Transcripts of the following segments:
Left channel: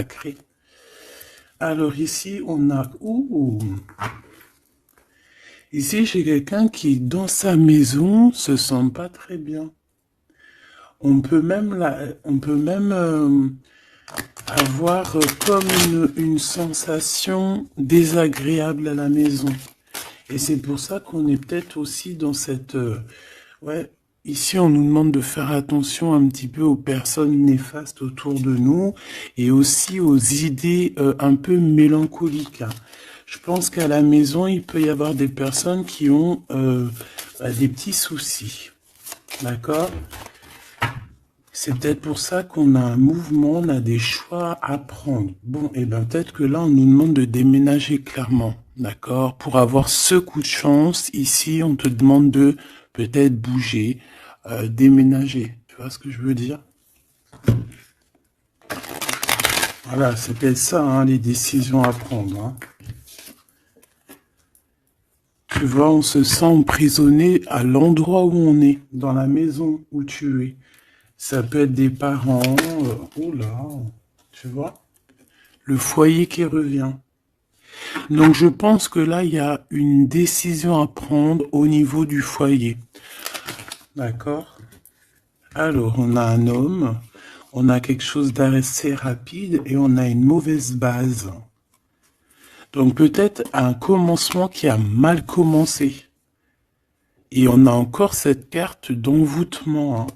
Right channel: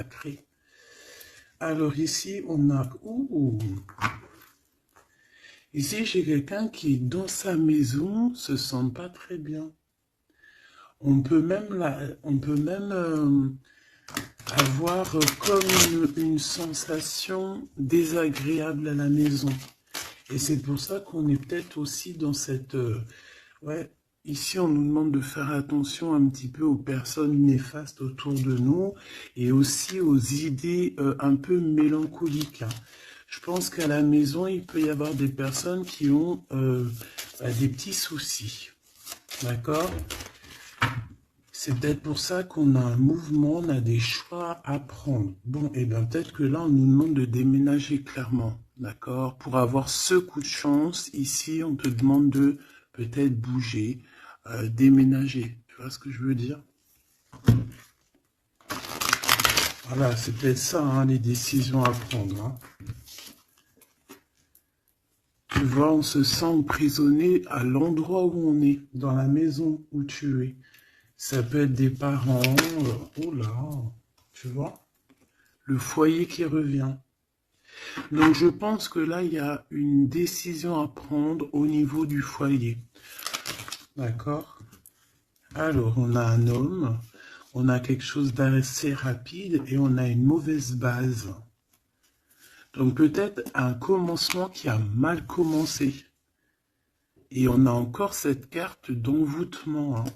sacré. Alors ici, on a... Ouh. Ici, j'ai quelqu'un qui, dans sa maison, se sent pas très bien. On peut même, avoir comme une sensation désagréable à la maison. Et c'est pour ça qu'on est peut-être aussi dans cette... ouais, ici on nous demande de faire attention un petit peu aux personnes néfastes autour de nous et aussi aux idées un peu mélancoliques. Je pense qu'à la maison, il peut y avoir des personnes qui ont des petits soucis. D'accord? C'est peut-être pour ça qu'on a un mouvement, on a des choix à prendre. Bon, et bien peut-être que là, on nous demande de déménager clairement, d'accord? Pour avoir ce coup de chance, ici, on te demande de peut-être bouger, déménager. Tu vois ce que je veux dire? Voilà, c'est peut-être ça, hein, les décisions à prendre. Hein. Tu vois, on se sent emprisonné à l'endroit où on est, dans la maison où tu es. Ça peut être des parents, oh là, tu vois, le foyer qui revient. Donc je pense que là, il y a une décision à prendre au niveau du foyer. D'accord? Alors, on a un homme, on a quelque chose d'assez rapide et on a une mauvaise base. Donc peut-être un commencement qui a mal commencé. Et on a encore cette carte d'envoûtement. Hein.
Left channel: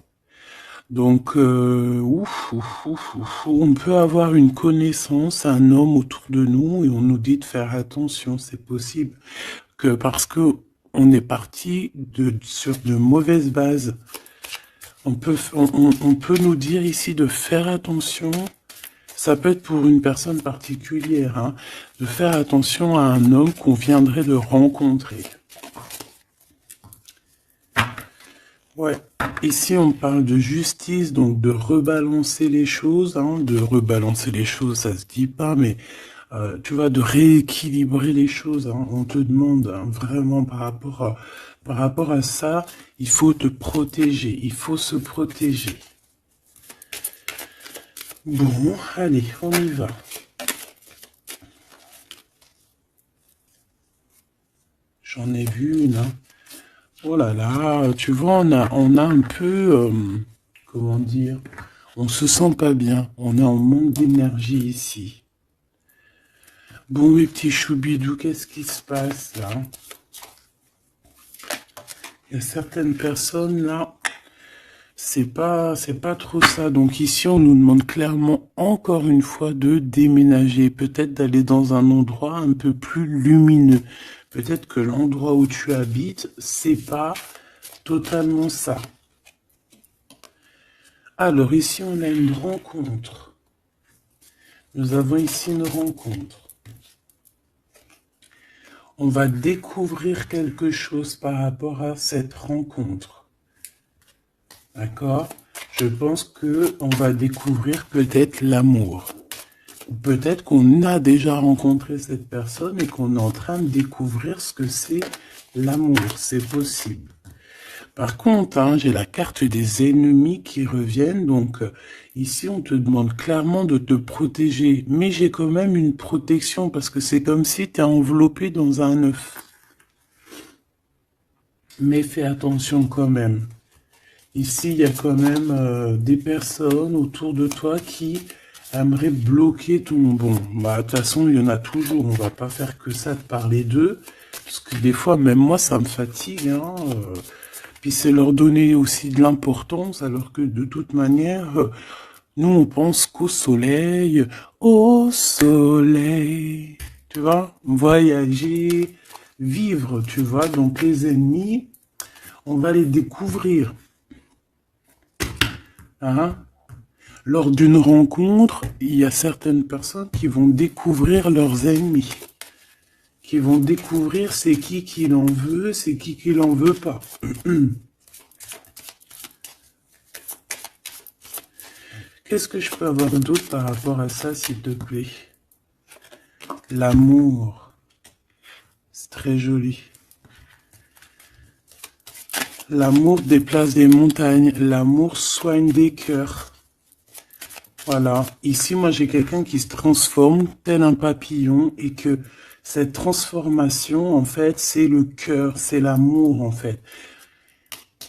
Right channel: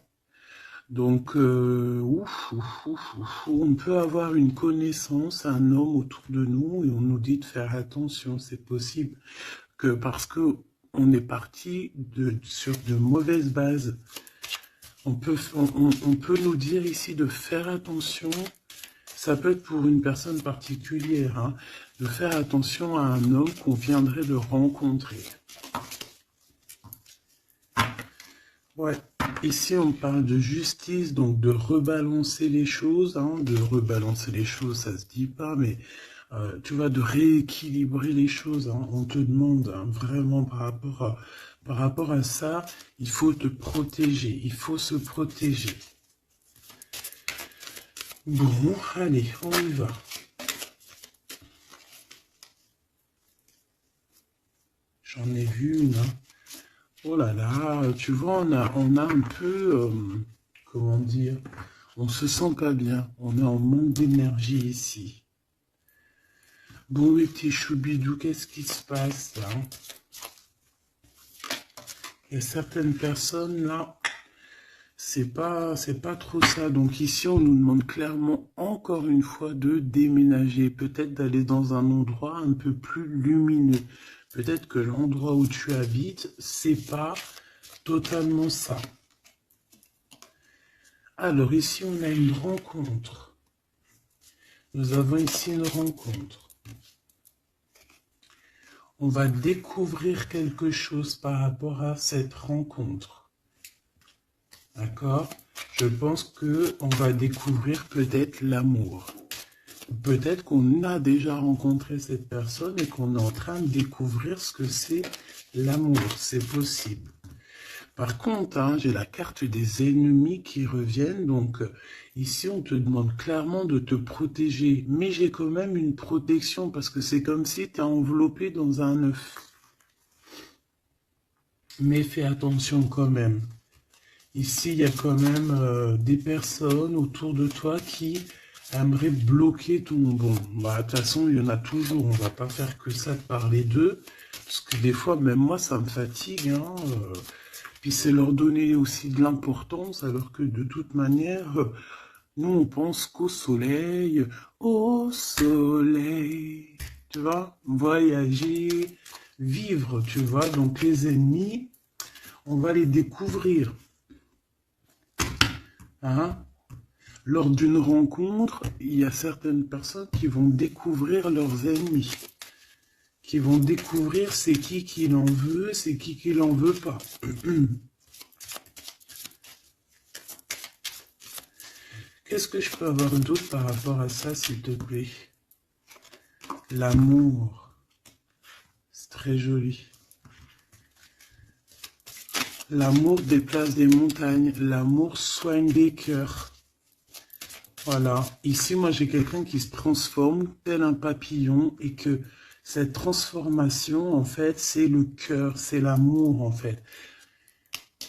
Donc, on peut avoir une connaissance, un homme autour de nous, et on nous dit de faire attention, c'est possible. Que parce que on est parti sur de mauvaises bases. On peut nous dire ici de faire attention, ça peut être pour une personne particulière, hein, de faire attention à un homme qu'on viendrait de rencontrer. Ouais. Ici, on parle de justice, donc de rebalancer les choses, hein, de rebalancer les choses, ça se dit pas, mais tu vois, de rééquilibrer les choses. Hein. On te demande hein, vraiment par rapport à ça, il faut te protéger, il faut se protéger. Bon, allez, on y va. J'en ai vu une. Hein. Oh là là, tu vois, on a un peu, comment dire, on se sent pas bien. On est en manque d'énergie ici. Bon, mes petits choubidous, qu'est-ce qui se passe là? Il y a certaines personnes là, c'est pas trop ça. Donc ici, on nous demande clairement encore une fois de déménager, peut-être d'aller dans un endroit un peu plus lumineux. Peut-être que l'endroit où tu habites, c'est pas totalement ça. Alors ici, on a une rencontre. Nous avons ici une rencontre. On va découvrir quelque chose par rapport à cette rencontre. D'accord? Je pense qu'on va découvrir peut-être l'amour. Peut-être qu'on a déjà rencontré cette personne et qu'on est en train de découvrir ce que c'est l'amour. C'est possible. Par contre, hein, j'ai la carte des ennemis qui reviennent. Donc, ici, on te demande clairement de te protéger. Mais j'ai quand même une protection parce que c'est comme si tu es enveloppé dans un œuf. Mais fais attention quand même. Ici, il y a quand même des personnes autour de toi qui aimeraient bloquer ton bon. Bah, de toute façon, il y en a toujours. On va pas faire que ça de parler d'eux. Parce que des fois, même moi, ça me fatigue. Hein, puis c'est leur donner aussi de l'importance, alors que de toute manière, nous, on pense qu'au soleil. Au soleil. Tu vois, voyager, vivre, tu vois. Donc les ennemis, on va les découvrir. Hein? Lors d'une rencontre, il y a certaines personnes qui vont découvrir leurs ennemis, qui vont découvrir c'est qui l'en veut, c'est qui l'en veut pas. Qu'est-ce que je peux avoir d'autre par rapport à ça, s'il te plaît? L'amour, c'est très joli. L'amour déplace des montagnes, l'amour soigne des cœurs. Voilà. Ici, moi, j'ai quelqu'un qui se transforme tel un papillon et que cette transformation, en fait, c'est le cœur, c'est l'amour, en fait.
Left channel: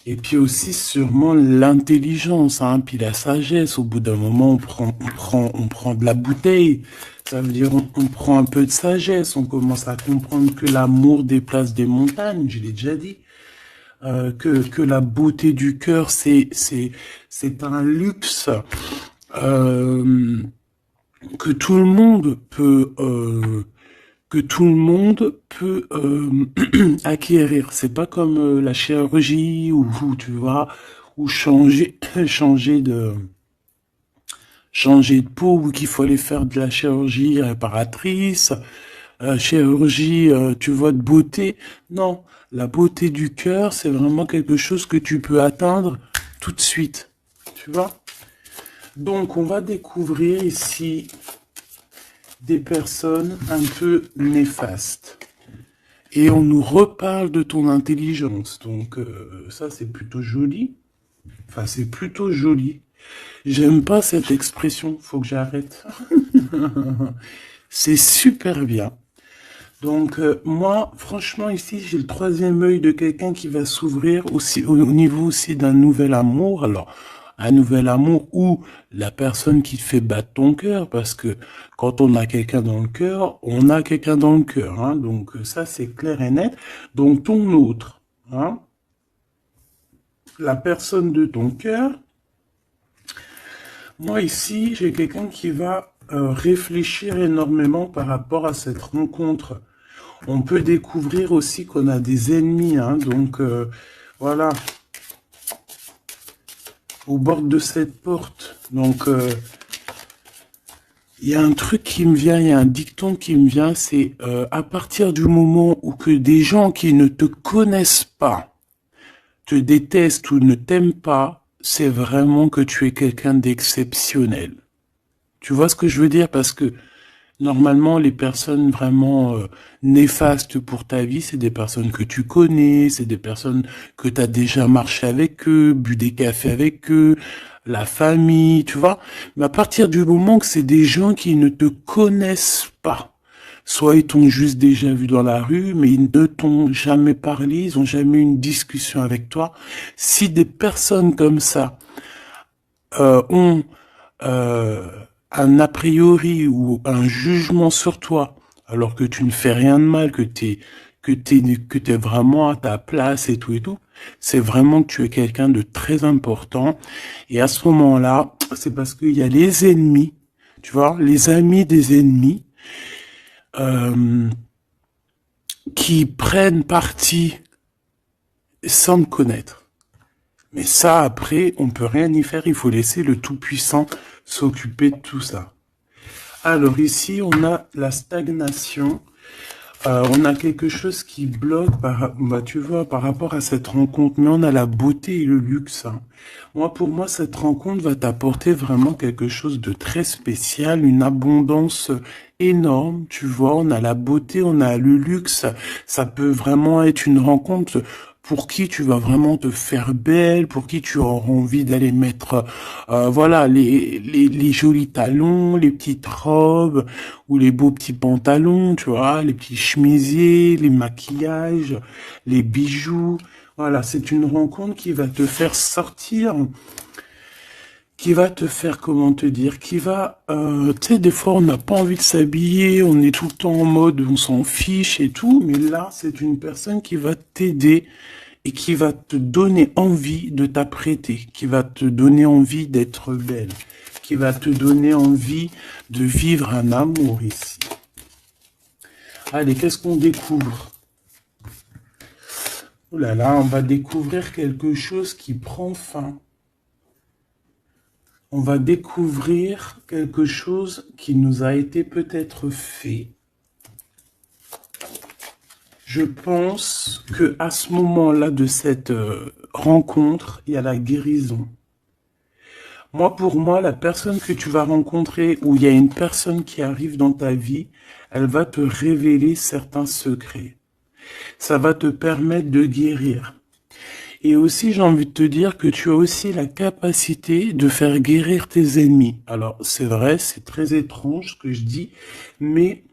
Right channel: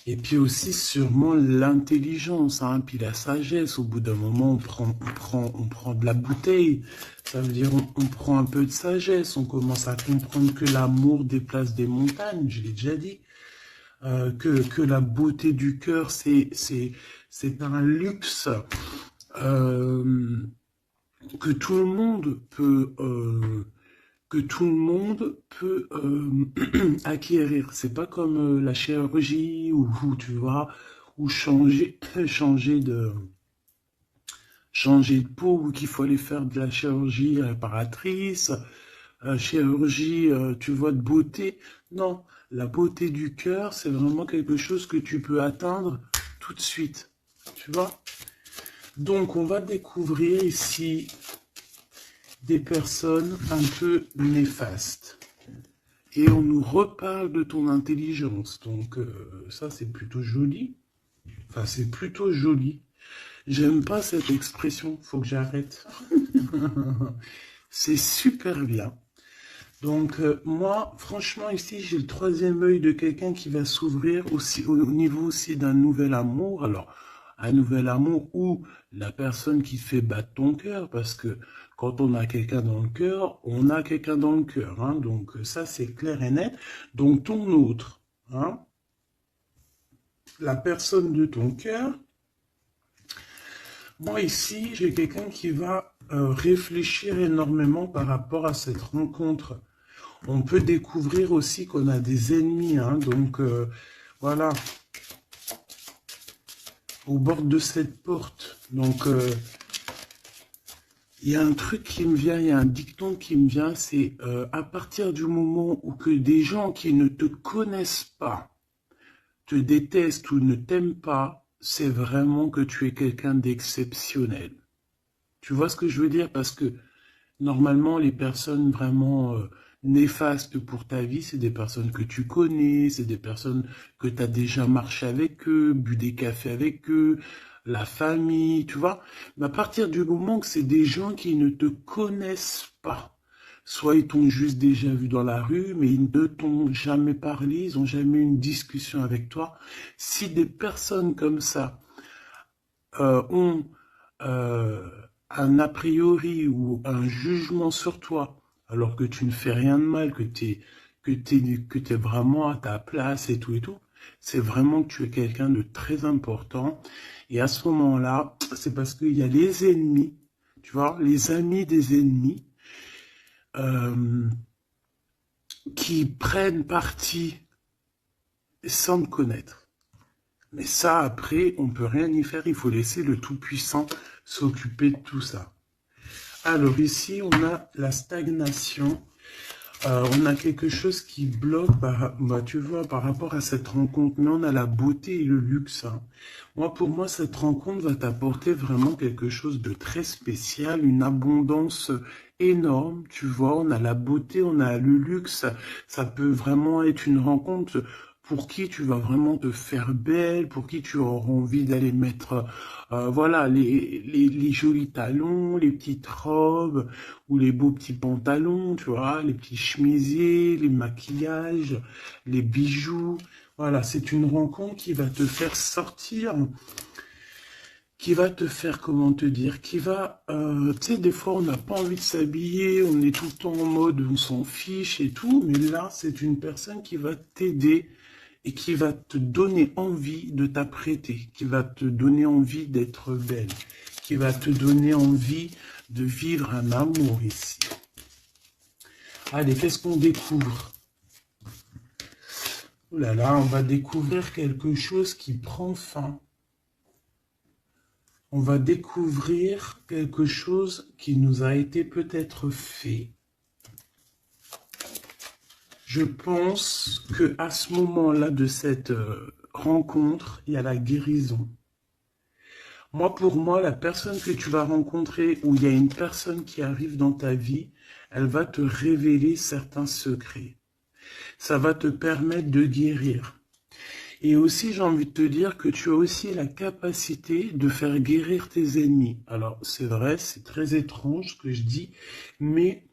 Et puis aussi, sûrement, l'intelligence, hein, puis la sagesse. Au bout d'un moment, on prend de la bouteille. Ça veut dire, on prend un peu de sagesse. On commence à comprendre que l'amour déplace des montagnes, je l'ai déjà dit. Que la beauté du cœur, c'est un luxe. Euh, que tout le monde peut acquérir. C'est pas comme la chirurgie ou tu vois ou changer de peau ou qu'il faut aller faire de la chirurgie réparatrice, chirurgie tu vois de beauté. Non, la beauté du cœur, c'est vraiment quelque chose que tu peux atteindre tout de suite. Tu vois? Donc on va découvrir ici des personnes un peu néfastes. Et on nous reparle de ton intelligence. Donc ça, c'est plutôt joli. Enfin, c'est plutôt joli. J'aime pas cette expression. Faut que j'arrête. C'est super bien. Donc moi, franchement, ici, j'ai le troisième œil de quelqu'un qui va s'ouvrir aussi au niveau aussi d'un nouvel amour. Alors, un nouvel amour ou la personne qui te fait battre ton cœur, parce que quand on a quelqu'un dans le cœur, on a quelqu'un dans le cœur. Hein. Donc ça, c'est clair et net. Donc ton autre, hein, la personne de ton cœur, moi ici, j'ai quelqu'un qui va réfléchir énormément par rapport à cette rencontre. On peut découvrir aussi qu'on a des ennemis, hein, donc voilà, au bord de cette porte. Donc il y a un truc qui me vient, il y a un dicton qui me vient, c'est à partir du moment où que des gens qui ne te connaissent pas te détestent ou ne t'aiment pas, c'est vraiment que tu es quelqu'un d'exceptionnel. Tu vois ce que je veux dire? Parce que normalement, les personnes vraiment néfastes pour ta vie, c'est des personnes que tu connais, c'est des personnes que tu as déjà marché avec eux, bu des cafés avec eux, la famille, tu vois. Mais à partir du moment que c'est des gens qui ne te connaissent pas, soit ils t'ont juste déjà vu dans la rue, mais ils ne t'ont jamais parlé, ils n'ont jamais eu une discussion avec toi. Si des personnes comme ça ont euh, un a priori ou un jugement sur toi, alors que tu ne fais rien de mal, que t'es vraiment à ta place et tout, c'est vraiment que tu es quelqu'un de très important. Et à ce moment-là, c'est parce qu'il y a les ennemis, tu vois, les amis des ennemis, euh, qui prennent parti sans me connaître. Mais ça, après, on peut rien y faire. Il faut laisser le Tout-Puissant s'occuper de tout ça. Alors ici, on a la stagnation. On a quelque chose qui bloque, bah, tu vois, par rapport à cette rencontre. Mais on a la beauté et le luxe. Hein. Moi, pour moi, cette rencontre va t'apporter vraiment quelque chose de très spécial, une abondance énorme. Tu vois, on a la beauté, on a le luxe. Ça peut vraiment être une rencontre pour qui tu vas vraiment te faire belle, pour qui tu auras envie d'aller mettre, voilà, les jolis talons, les petites robes ou les beaux petits pantalons, tu vois, les petits chemisiers, les maquillages, les bijoux. Voilà, c'est une rencontre qui va te faire sortir, qui va te faire, comment te dire, qui va, tu sais, des fois on n'a pas envie de s'habiller, on est tout le temps en mode, on s'en fiche et tout, mais là, c'est une personne qui va t'aider et qui va te donner envie de t'apprêter, qui va te donner envie d'être belle, qui va te donner envie de vivre un amour ici. Allez, qu'est-ce qu'on découvre? Oh là là, on va découvrir quelque chose qui prend fin. On va découvrir quelque chose qui nous a été peut-être fait. Je pense que à ce moment-là de cette rencontre, il y a la guérison. Moi, pour moi, la personne que tu vas rencontrer, ou il y a une personne qui arrive dans ta vie, elle va te révéler certains secrets. Ça va te permettre de guérir. Et aussi, j'ai envie de te dire que tu as aussi la capacité de faire guérir tes ennemis. Alors, c'est vrai, c'est très étrange ce que je dis, mais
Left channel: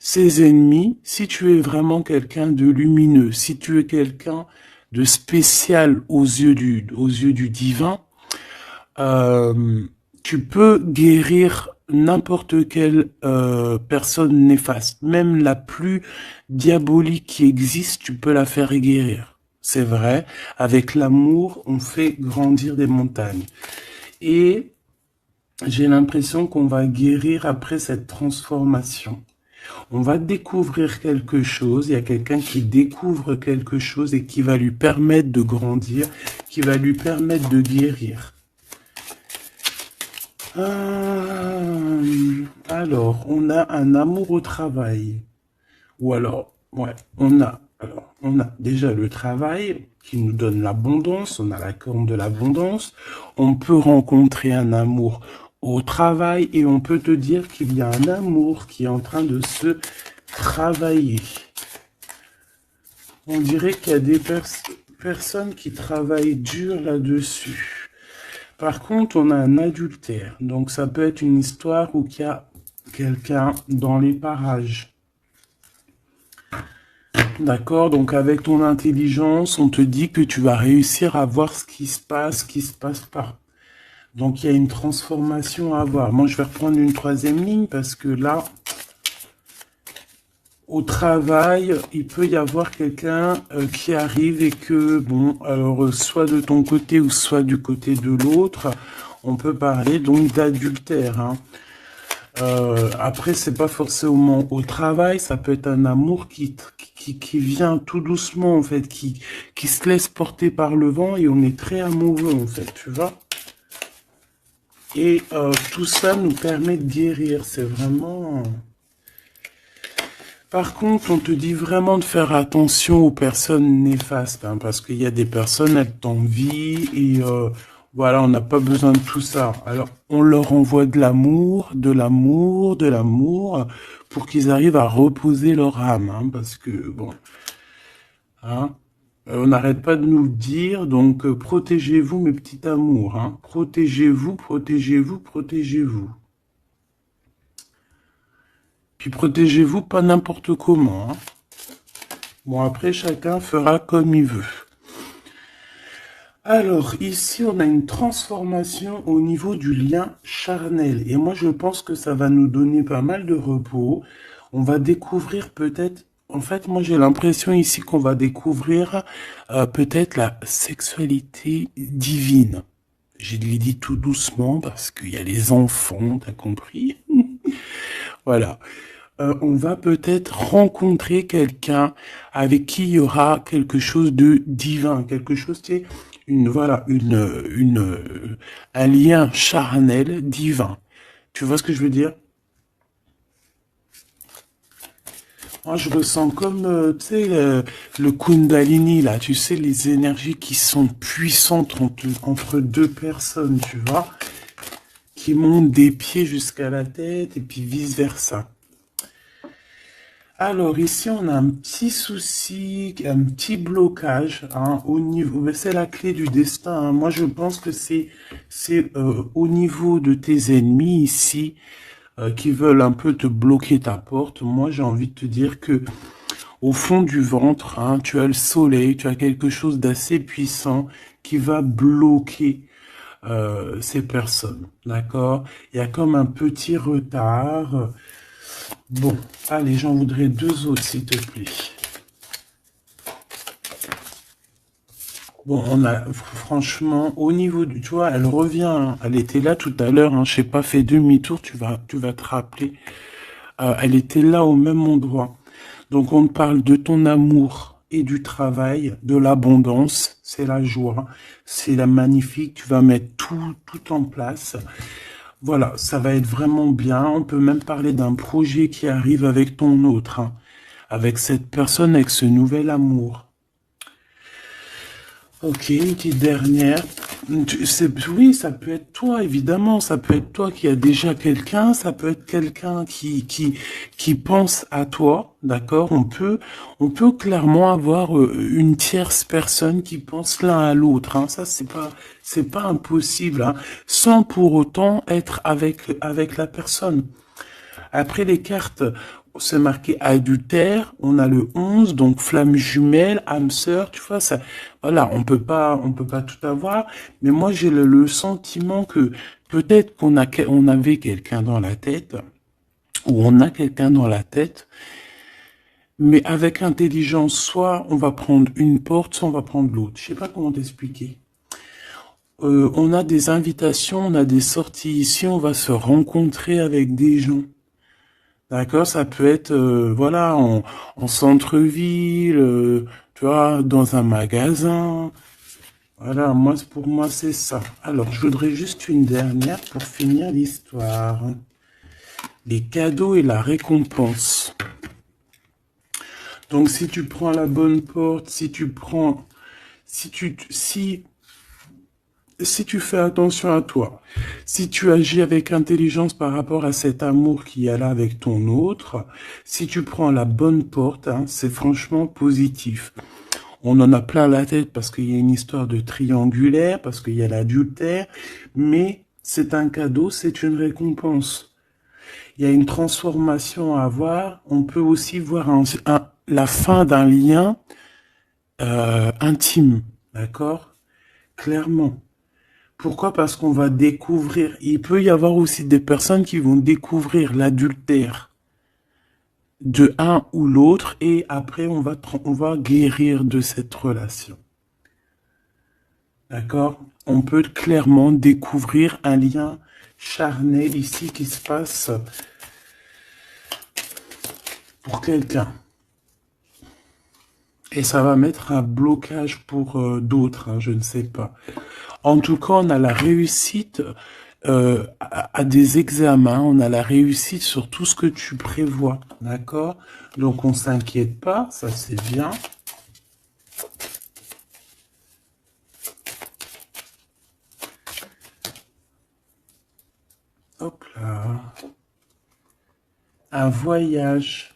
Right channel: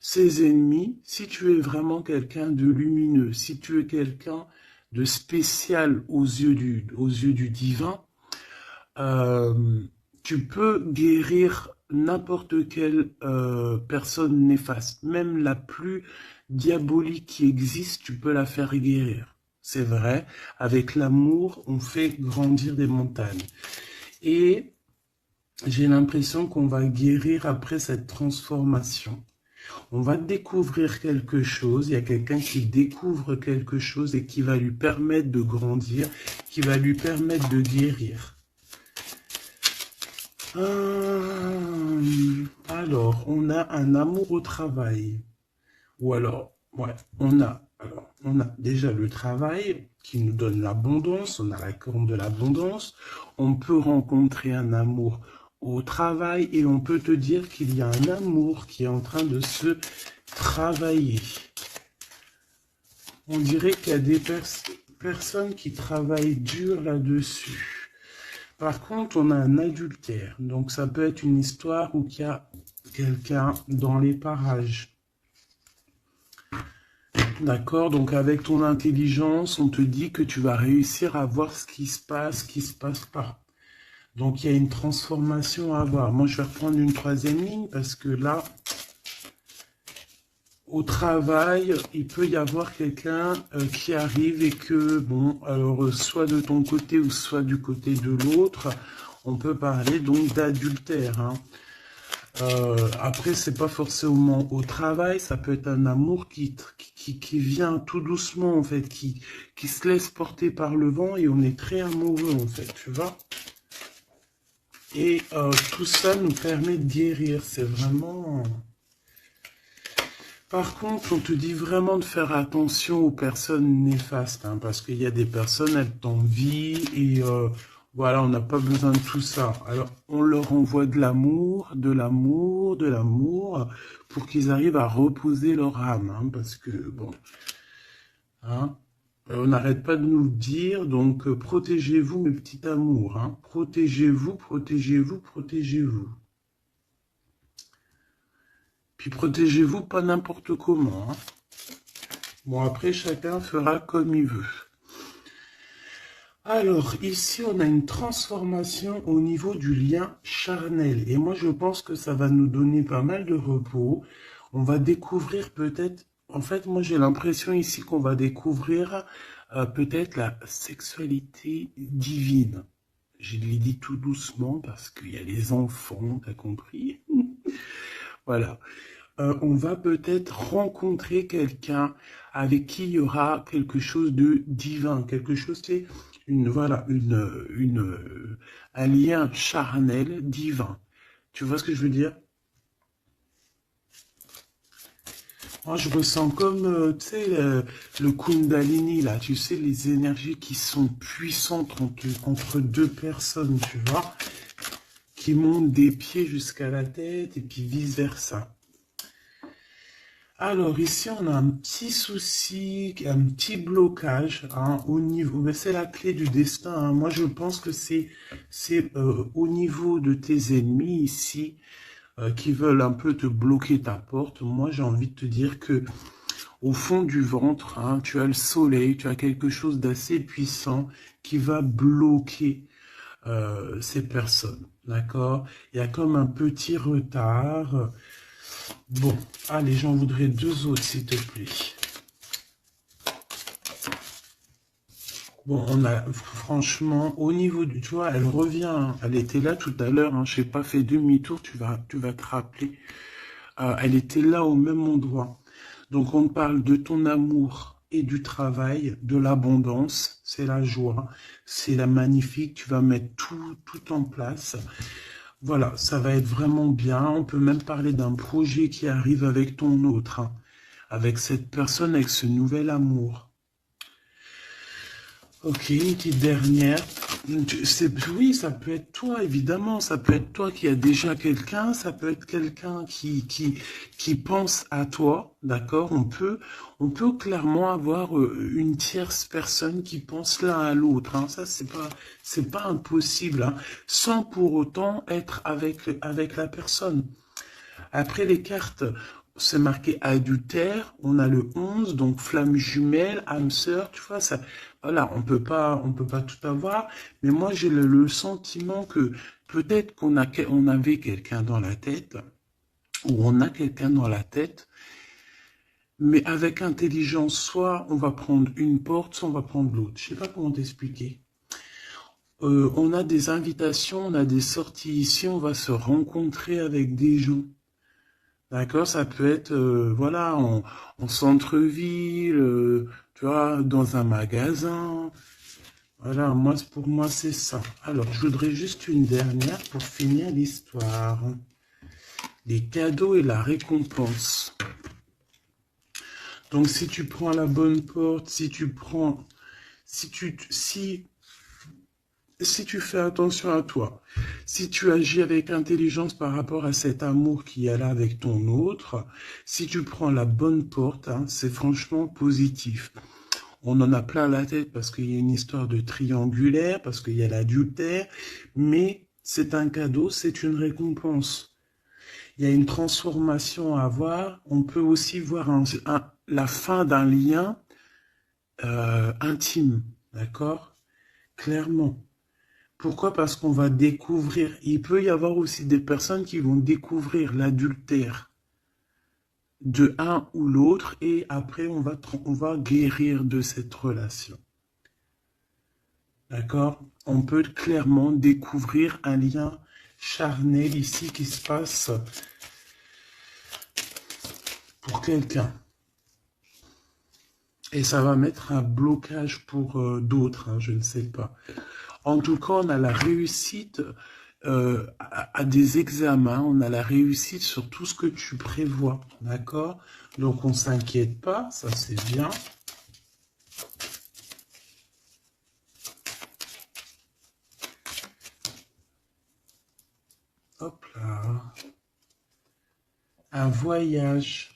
ces ennemis, si tu es vraiment quelqu'un de lumineux, si tu es quelqu'un de spécial aux yeux du divin, euh, tu peux guérir n'importe quelle personne néfaste. Même la plus diabolique qui existe, tu peux la faire guérir. C'est vrai, avec l'amour, on fait grandir des montagnes. Et j'ai l'impression qu'on va guérir après cette transformation. On va découvrir quelque chose, il y a quelqu'un qui découvre quelque chose et qui va lui permettre de grandir, qui va lui permettre de guérir. Alors, on a un amour au travail. Ou alors, ouais, on a déjà le travail qui nous donne l'abondance, on a la corne de l'abondance. On peut rencontrer un amour au travail et on peut te dire qu'il y a un amour qui est en train de se travailler. On dirait qu'il y a des personnes qui travaillent dur là-dessus. Par contre, on a un adultère. Donc, ça peut être une histoire où il y a quelqu'un dans les parages. D'accord? Donc, avec ton intelligence, on te dit que tu vas réussir à voir ce qui se passe pas. Donc, il y a une transformation à avoir. Moi, je vais reprendre une troisième ligne parce que là, au travail, il peut y avoir quelqu'un qui arrive et que, bon, alors, soit de ton côté ou soit du côté de l'autre, on peut parler donc d'adultère, hein. Après, c'est pas forcément au travail, ça peut être un amour qui vient tout doucement, en fait, qui se laisse porter par le vent et on est très amoureux, en fait, tu vois. Et tout ça nous permet de guérir, c'est vraiment... Par contre, on te dit vraiment de faire attention aux personnes néfastes, hein, parce qu'il y a des personnes, elles t'envient et voilà, on n'a pas besoin de tout ça. Alors, on leur envoie de l'amour, de l'amour, de l'amour, pour qu'ils arrivent à reposer leur âme, hein, parce que, bon, hein, on n'arrête pas de nous le dire, donc protégez-vous, mes petits amours, hein, protégez-vous, protégez-vous, protégez-vous. Puis protégez-vous pas n'importe comment, hein. Bon, après, chacun fera comme il veut. Alors, ici, on a une transformation au niveau du lien charnel. Et moi, je pense que ça va nous donner pas mal de repos. On va découvrir peut-être... En fait, moi, j'ai l'impression ici qu'on va découvrir peut-être la sexualité divine. Je l'ai dit tout doucement parce qu'il y a les enfants, t'as compris? Voilà. On va peut-être rencontrer quelqu'un avec qui il y aura quelque chose de divin, quelque chose qui est un lien charnel divin. Tu vois ce que je veux dire? Moi, je ressens comme, tu sais, le Kundalini, là, tu sais, les énergies qui sont puissantes entre deux personnes, tu vois, qui montent des pieds jusqu'à la tête et puis vice-versa. Alors ici, on a un petit souci, un petit blocage, hein, au niveau, c'est la clé du destin, hein. Moi, je pense que c'est au niveau de tes ennemis ici qui veulent un peu te bloquer ta porte. Moi, j'ai envie de te dire que au fond du ventre, hein, tu as le soleil, tu as quelque chose d'assez puissant qui va bloquer ces personnes, d'accord? Il y a comme un petit retard. Bon, allez, j'en voudrais deux autres, s'il te plaît. Bon, on a, franchement, au niveau du, tu vois, elle revient, hein. Elle était là tout à l'heure, hein, je n'ai pas fait demi-tour, tu vas te rappeler. Elle était là au même endroit. Donc, on parle de ton amour et du travail, de l'abondance, c'est la joie, c'est la magnifique, tu vas mettre tout en place. Voilà, ça va être vraiment bien. On peut même parler d'un projet qui arrive avec ton autre, hein, avec cette personne, avec ce nouvel amour. Ok, une petite dernière. Oui, ça peut être toi, évidemment. Ça peut être toi qui a déjà quelqu'un. Ça peut être quelqu'un qui pense à toi. D'accord? On peut clairement avoir une tierce personne qui pense l'un à l'autre. Hein. Ça, c'est pas impossible. Hein, sans pour autant être avec la personne. Après les cartes, c'est marqué adultère, on a le 11, donc flamme jumelle, âme sœur, tu vois, ça, voilà, on peut pas tout avoir, mais moi j'ai le sentiment que peut-être on avait quelqu'un dans la tête, ou on a quelqu'un dans la tête, mais avec intelligence, soit on va prendre une porte, soit on va prendre l'autre. Je sais pas comment t'expliquer. On a des invitations, on a des sorties ici, on va se rencontrer avec des gens. D'accord, ça peut être voilà en centre-ville, tu vois, dans un magasin. Voilà, pour moi c'est ça. Alors, je voudrais juste une dernière pour finir l'histoire. Les cadeaux et la récompense. Donc, si tu prends la bonne porte, si tu fais attention à toi, si tu agis avec intelligence par rapport à cet amour qui est là avec ton autre, si tu prends la bonne porte, hein, c'est franchement positif. On en a plein la tête parce qu'il y a une histoire de triangulaire, parce qu'il y a l'adultère, mais c'est un cadeau, c'est une récompense. Il y a une transformation à avoir. On peut aussi voir la fin d'un lien intime, d'accord? Clairement. Pourquoi? Parce qu'on va découvrir. Il peut y avoir aussi des personnes qui vont découvrir l'adultère de un ou l'autre et après on va guérir de cette relation. D'accord? On peut clairement découvrir un lien charnel ici qui se passe pour quelqu'un. Et ça va mettre un blocage pour d'autres, hein, je ne sais pas. En tout cas, on a la réussite à des examens, on a la réussite sur tout ce que tu prévois, d'accord? Donc on s'inquiète pas, ça c'est bien. Hop là. Un voyage.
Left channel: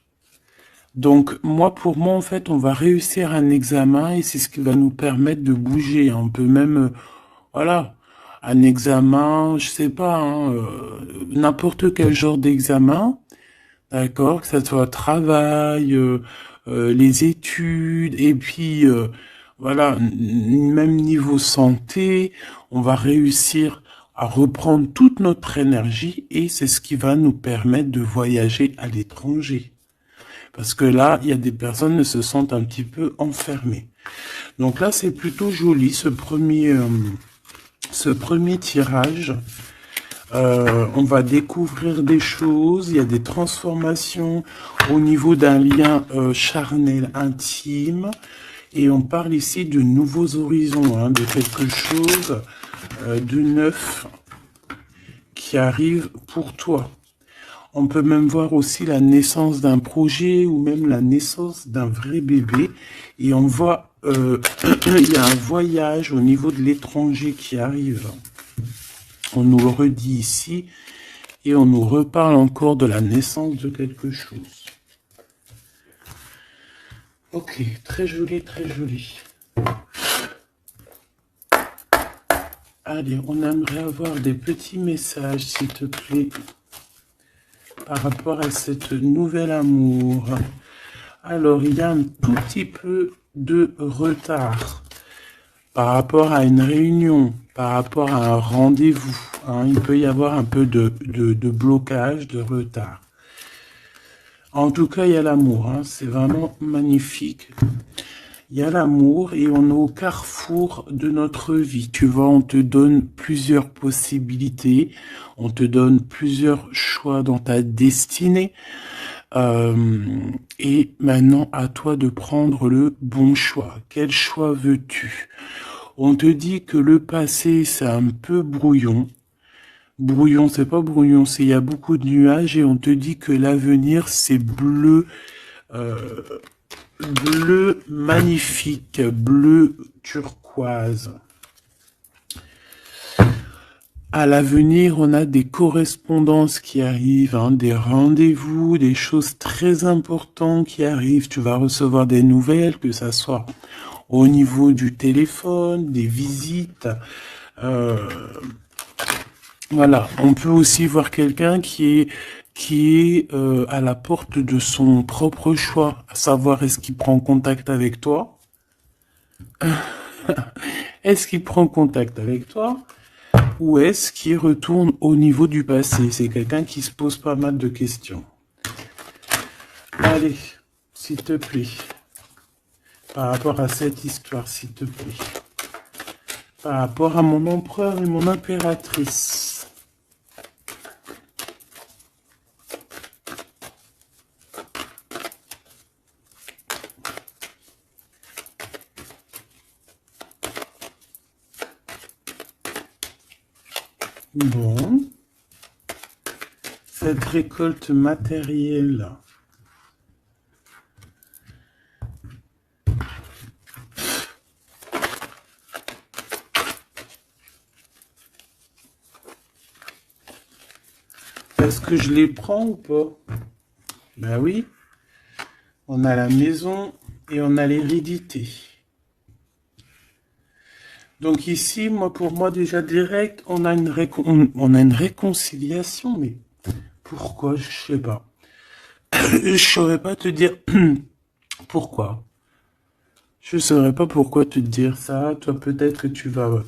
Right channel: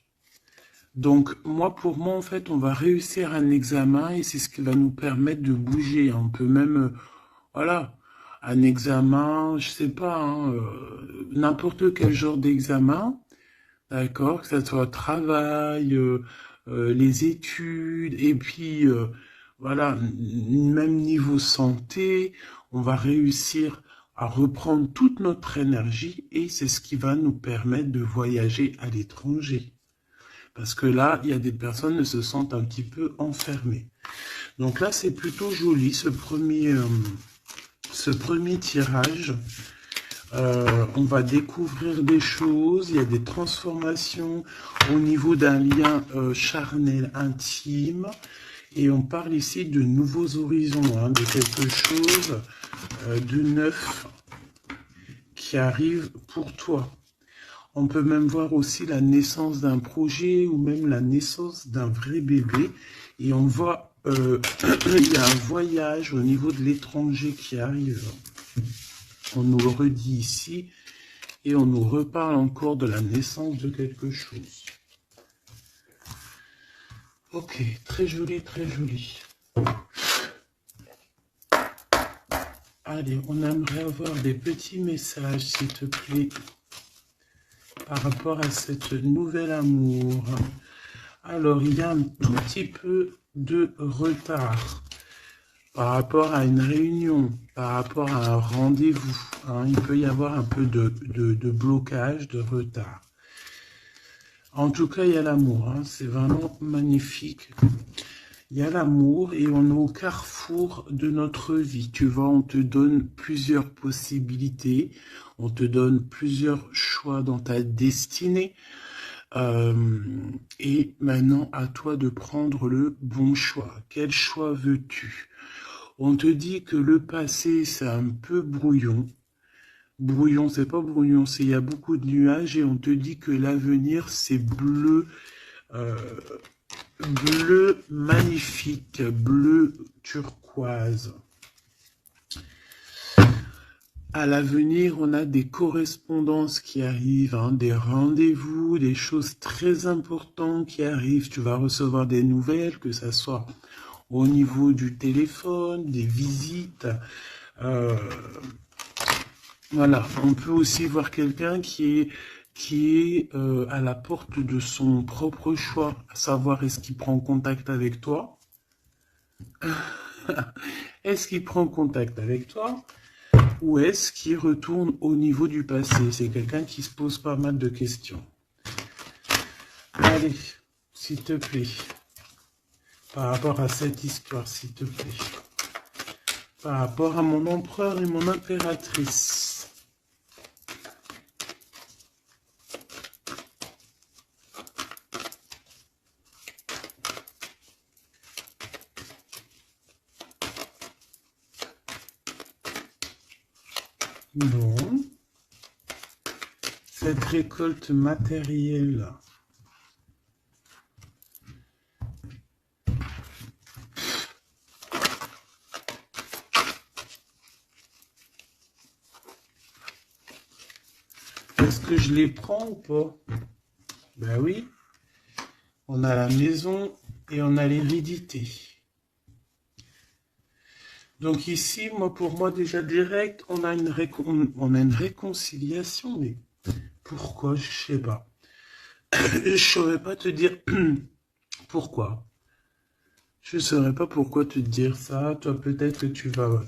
Donc, pour moi, en fait, on va réussir un examen et c'est ce qui va nous permettre de bouger. On peut même, voilà, un examen, je sais pas, hein, n'importe quel genre d'examen, d'accord, que ce soit travail, les études, et puis, voilà, même niveau santé, on va réussir à reprendre toute notre énergie et c'est ce qui va nous permettre de voyager à l'étranger. Parce que là, il y a des personnes qui se sentent un petit peu enfermées. Donc là, c'est plutôt joli, ce premier tirage. On va découvrir des choses, il y a des transformations au niveau d'un lien charnel intime. Et on parle ici de nouveaux horizons, hein, de quelque chose de neuf qui arrive pour toi. On peut même voir aussi la naissance d'un projet ou même la naissance d'un vrai bébé. Et on voit, il y a un voyage au niveau de l'étranger qui arrive. On nous le redit ici et on nous reparle encore de la naissance de quelque chose. Ok, très joli, très joli. Allez, on aimerait avoir des petits messages, s'il te plaît, par rapport à cette nouvel amour. Alors, il y a un tout petit peu de retard par rapport à une réunion, par rapport à un rendez-vous. Hein, il peut y avoir un peu de blocage, de retard. En tout cas, il y a l'amour. Hein, c'est vraiment magnifique. Il y a l'amour et on est au carrefour de notre vie. Tu vois, on te donne plusieurs possibilités, on te donne plusieurs choix dans ta destinée. Et maintenant, à toi de prendre le bon choix. Quel choix veux-tu? On te dit que le passé, c'est un peu brouillon. Brouillon, c'est pas brouillon, c'est il y a beaucoup de nuages et on te dit que l'avenir, c'est bleu. Bleu magnifique, bleu turquoise. turquoise. À l'avenir, on a des correspondances qui arrivent, hein, des rendez-vous, des choses très importantes qui arrivent. Tu vas recevoir des nouvelles, que ça soit au niveau du téléphone, des visites. Euh, voilà, on peut aussi voir quelqu'un qui est à la porte de son propre choix, à savoir est-ce qu'il prend contact avec toi? Est-ce qu'il prend contact avec toi? Ou est-ce qu'il retourne au niveau du passé? C'est quelqu'un qui se pose pas mal de questions. Allez, s'il te plaît, par rapport à cette histoire, s'il te plaît, par rapport à mon empereur et mon impératrice. Bon, cette récolte matérielle. Est-ce que je les prends ou pas? Ben oui, on a la maison et on a l'hérédité. Donc ici, moi, pour moi, déjà direct, on a une réconciliation, mais pourquoi? Je sais pas. Je saurais pas te dire pourquoi. Je saurais pas pourquoi te dire ça. Toi, peut-être que tu vas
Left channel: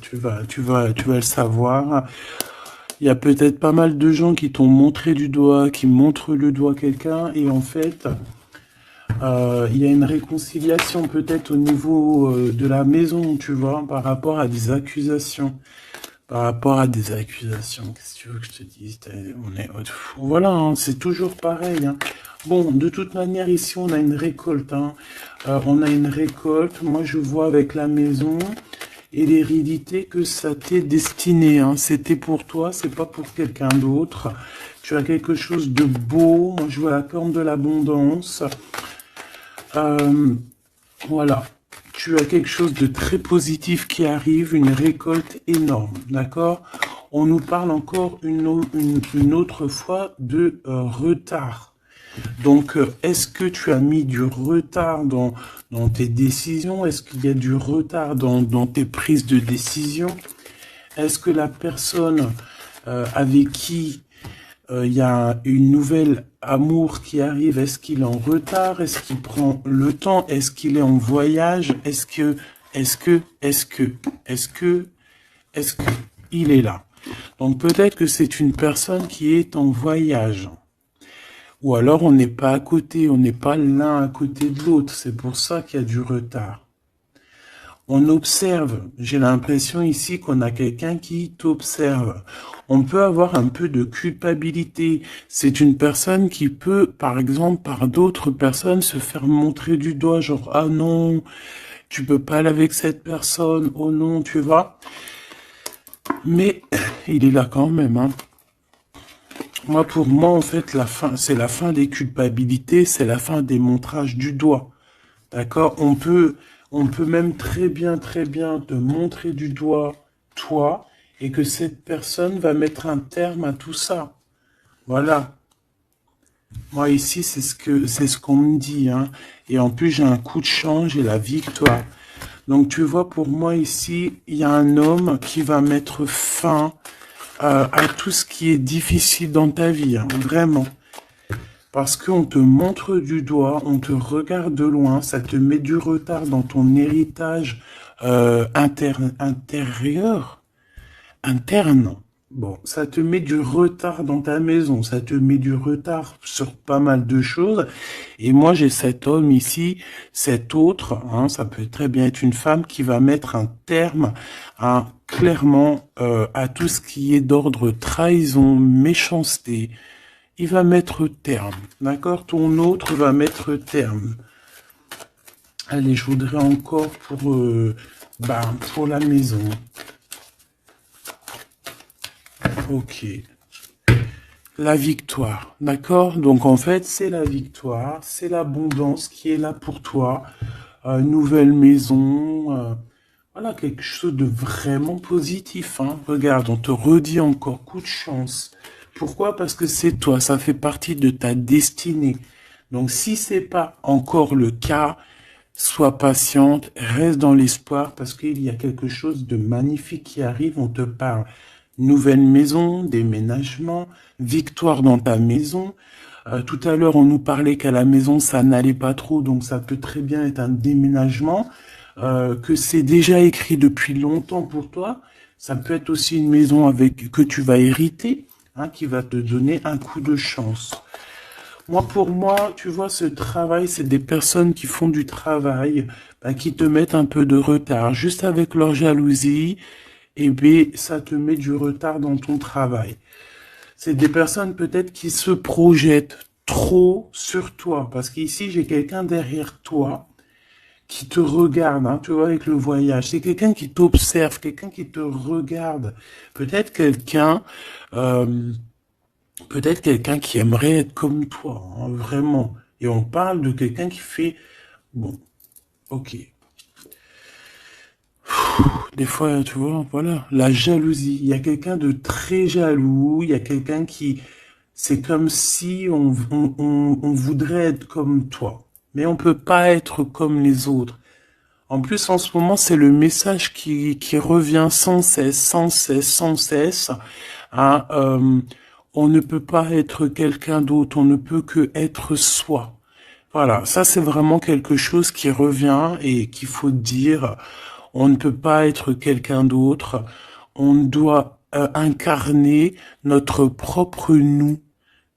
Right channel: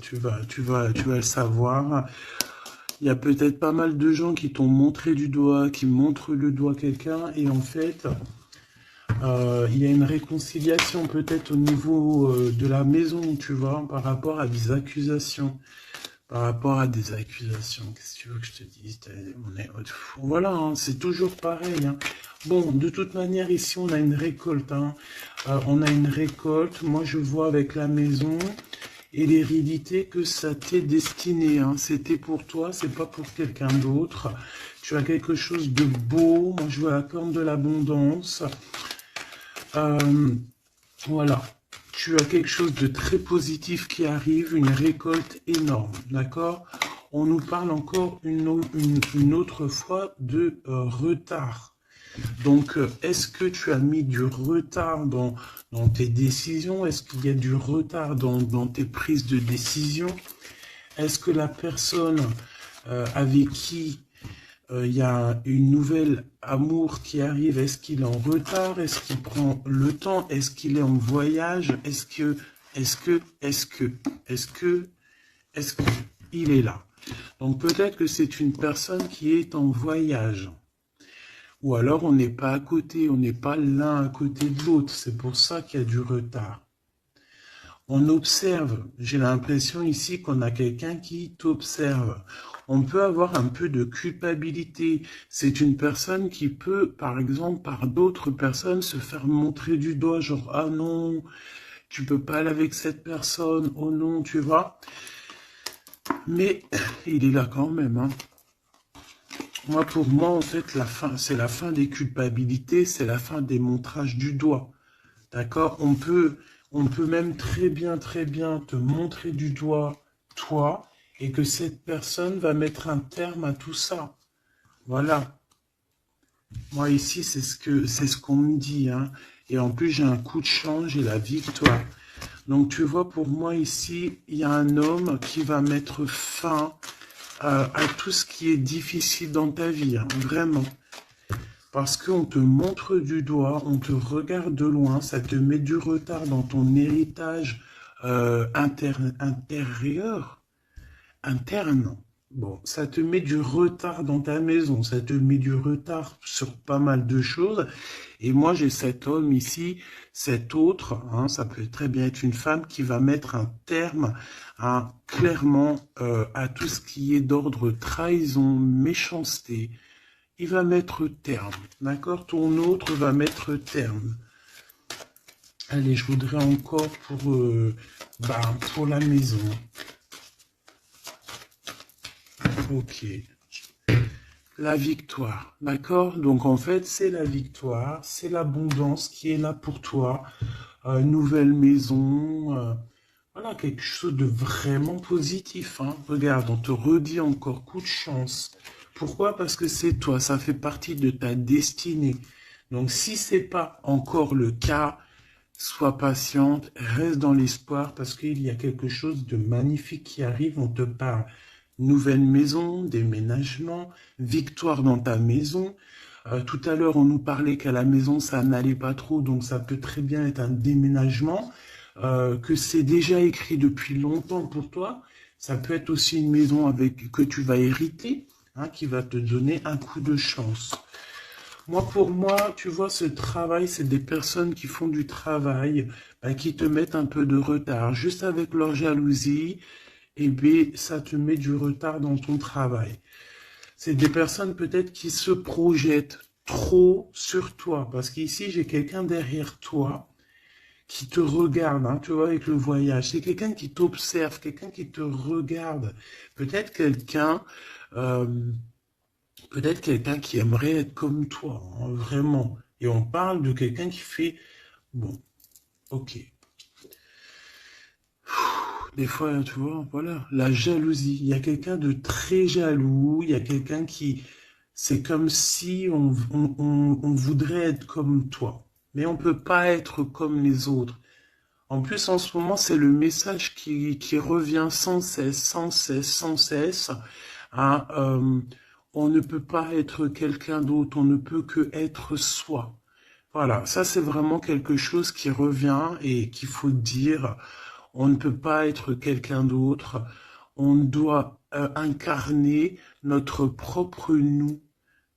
le savoir. Il y a peut-être pas mal de gens qui t'ont montré du doigt, qui montrent le doigt à quelqu'un, et en fait, il y a une réconciliation peut-être au niveau de la maison, tu vois, par rapport à des accusations. Par rapport à des accusations, qu'est-ce que tu veux que je te dise? Voilà, hein, c'est toujours pareil, hein. Bon, de toute manière, ici, on a une récolte, hein. On a une récolte. Moi, je vois avec la maison et l'hérédité que ça t'est destiné, hein. C'était pour toi, c'est pas pour quelqu'un d'autre. Tu as quelque chose de beau. Moi, je vois la corne de l'abondance. Voilà. Tu as quelque chose de très positif qui arrive, une récolte énorme, d'accord? On nous parle encore une autre fois de retard. Donc, est-ce que tu as mis du retard dans tes décisions? Est-ce qu'il y a du retard dans tes prises de décision? Est-ce que la personne avec qui il y a une nouvelle amour qui arrive, est-ce qu'il est en retard? Est-ce qu'il prend le temps? Est-ce qu'il est en voyage? Est-ce que, il est là? Donc peut-être que c'est une personne qui est en voyage. Ou alors on n'est pas à côté, on n'est pas l'un à côté de l'autre. C'est pour ça qu'il y a du retard. On observe. J'ai l'impression ici qu'on a quelqu'un qui t'observe. On peut avoir un peu de culpabilité. C'est une personne qui peut, par exemple, par d'autres personnes, se faire montrer du doigt, genre, ah non, tu peux pas aller avec cette personne, oh non, tu vois. Mais il est là quand même, hein. Moi, pour moi, en fait, la fin, c'est la fin des culpabilités, c'est la fin des montrages du doigt. D'accord? On peut même très bien te montrer du doigt, toi, et que cette personne va mettre un terme à tout ça. Voilà. Moi, ici, c'est ce qu'on me dit, hein. Et en plus, j'ai un coup de chance, j'ai la victoire. Donc, tu vois, pour moi, ici, il y a un homme qui va mettre fin à tout ce qui est difficile dans ta vie, hein, vraiment. Parce qu'on te montre du doigt, on te regarde de loin, ça te met du retard dans ton héritage interne. Bon, ça te met du retard dans ta maison, ça te met du retard sur pas mal de choses. Et moi, j'ai cet homme ici, cet autre, hein, ça peut très bien être une femme qui va mettre un terme, hein, clairement, à tout ce qui est d'ordre trahison, méchanceté. Il va mettre terme, d'accord? Ton autre va mettre terme. Allez, je voudrais encore pour la maison. Ok. La victoire, d'accord? Donc en fait, c'est la victoire, c'est l'abondance qui est là pour toi. Nouvelle maison, Voilà, quelque chose de vraiment positif, hein. Regarde, on te redit encore coup de chance. Pourquoi? Parce que c'est toi, ça fait partie de ta destinée. Donc si c'est pas encore le cas, sois patiente, reste dans l'espoir parce qu'il y a quelque chose de magnifique qui arrive. On te parle nouvelle maison, déménagement, victoire dans ta maison. Tout à l'heure, on nous parlait qu'à la maison, ça n'allait pas trop, donc ça peut très bien être un déménagement, que c'est déjà écrit depuis longtemps pour toi. Ça peut être aussi une maison avec que tu vas hériter, hein, qui va te donner un coup de chance. Moi, pour moi, tu vois, ce travail, c'est des personnes qui font du travail, ben, qui te mettent un peu de retard. Juste avec leur jalousie, et bien, ça te met du retard dans ton travail. C'est des personnes peut-être qui se projettent trop sur toi. Parce qu'ici, j'ai quelqu'un derrière toi qui te regarde, hein, tu vois, avec le voyage. C'est quelqu'un qui t'observe, quelqu'un qui te regarde. Peut-être quelqu'un, euh, peut-être quelqu'un qui aimerait être comme toi, hein, vraiment. Et on parle de quelqu'un qui fait, bon, ok. Des fois, tu vois, voilà, la jalousie. Il y a quelqu'un de très jaloux, il y a quelqu'un qui, c'est comme si on voudrait être comme toi, mais on peut pas être comme les autres. En plus, en ce moment, c'est le message qui revient sans cesse, sans cesse, sans cesse. Hein, on ne peut pas être quelqu'un d'autre, on ne peut que être soi. Voilà, ça c'est vraiment quelque chose qui revient et qu'il faut dire. On ne peut pas être quelqu'un d'autre. On doit incarner notre propre nous.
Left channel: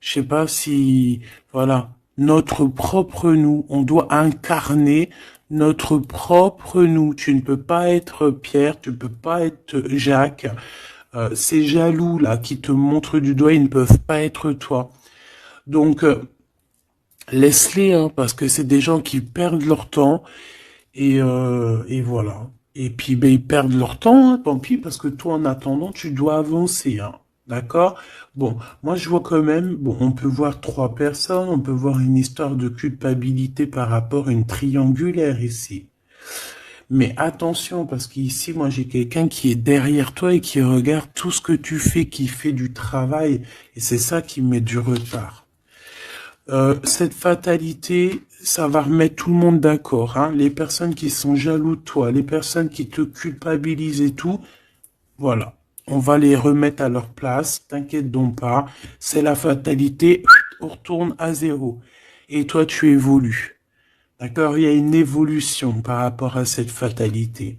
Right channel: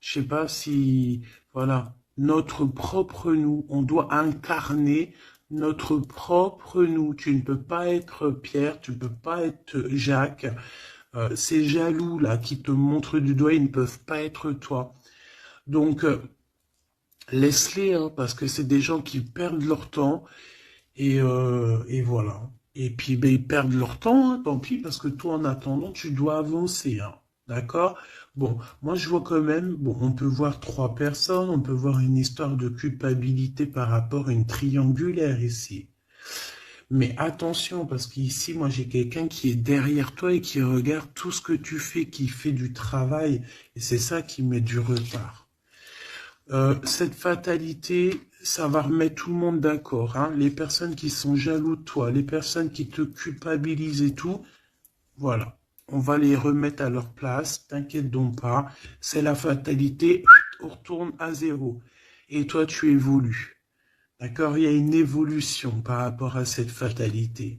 Je sais pas si, voilà, notre propre nous. On doit incarner notre propre nous. Tu ne peux pas être Pierre, tu ne peux pas être Jacques. Ces jaloux là qui te montrent du doigt, ils ne peuvent pas être toi. Donc laisse-les, hein, parce que c'est des gens qui perdent leur temps et voilà. Et puis, ben, ils perdent leur temps, hein, tant pis, parce que toi, en attendant, tu dois avancer, hein. D'accord? Bon, moi, je vois quand même, bon, on peut voir trois personnes, on peut voir une histoire de culpabilité par rapport à une triangulaire ici. Mais attention, parce qu'ici, moi, j'ai quelqu'un qui est derrière toi et qui regarde tout ce que tu fais, qui fait du travail. Et c'est ça qui met du retard. Cette fatalité, ça va remettre tout le monde d'accord, hein. Les personnes qui sont jaloux de toi, les personnes qui te culpabilisent et tout, voilà. On va les remettre à leur place, t'inquiète donc pas. C'est la fatalité, on retourne à zéro. Et toi, tu évolues. D'accord? Il y a une évolution par rapport à cette fatalité.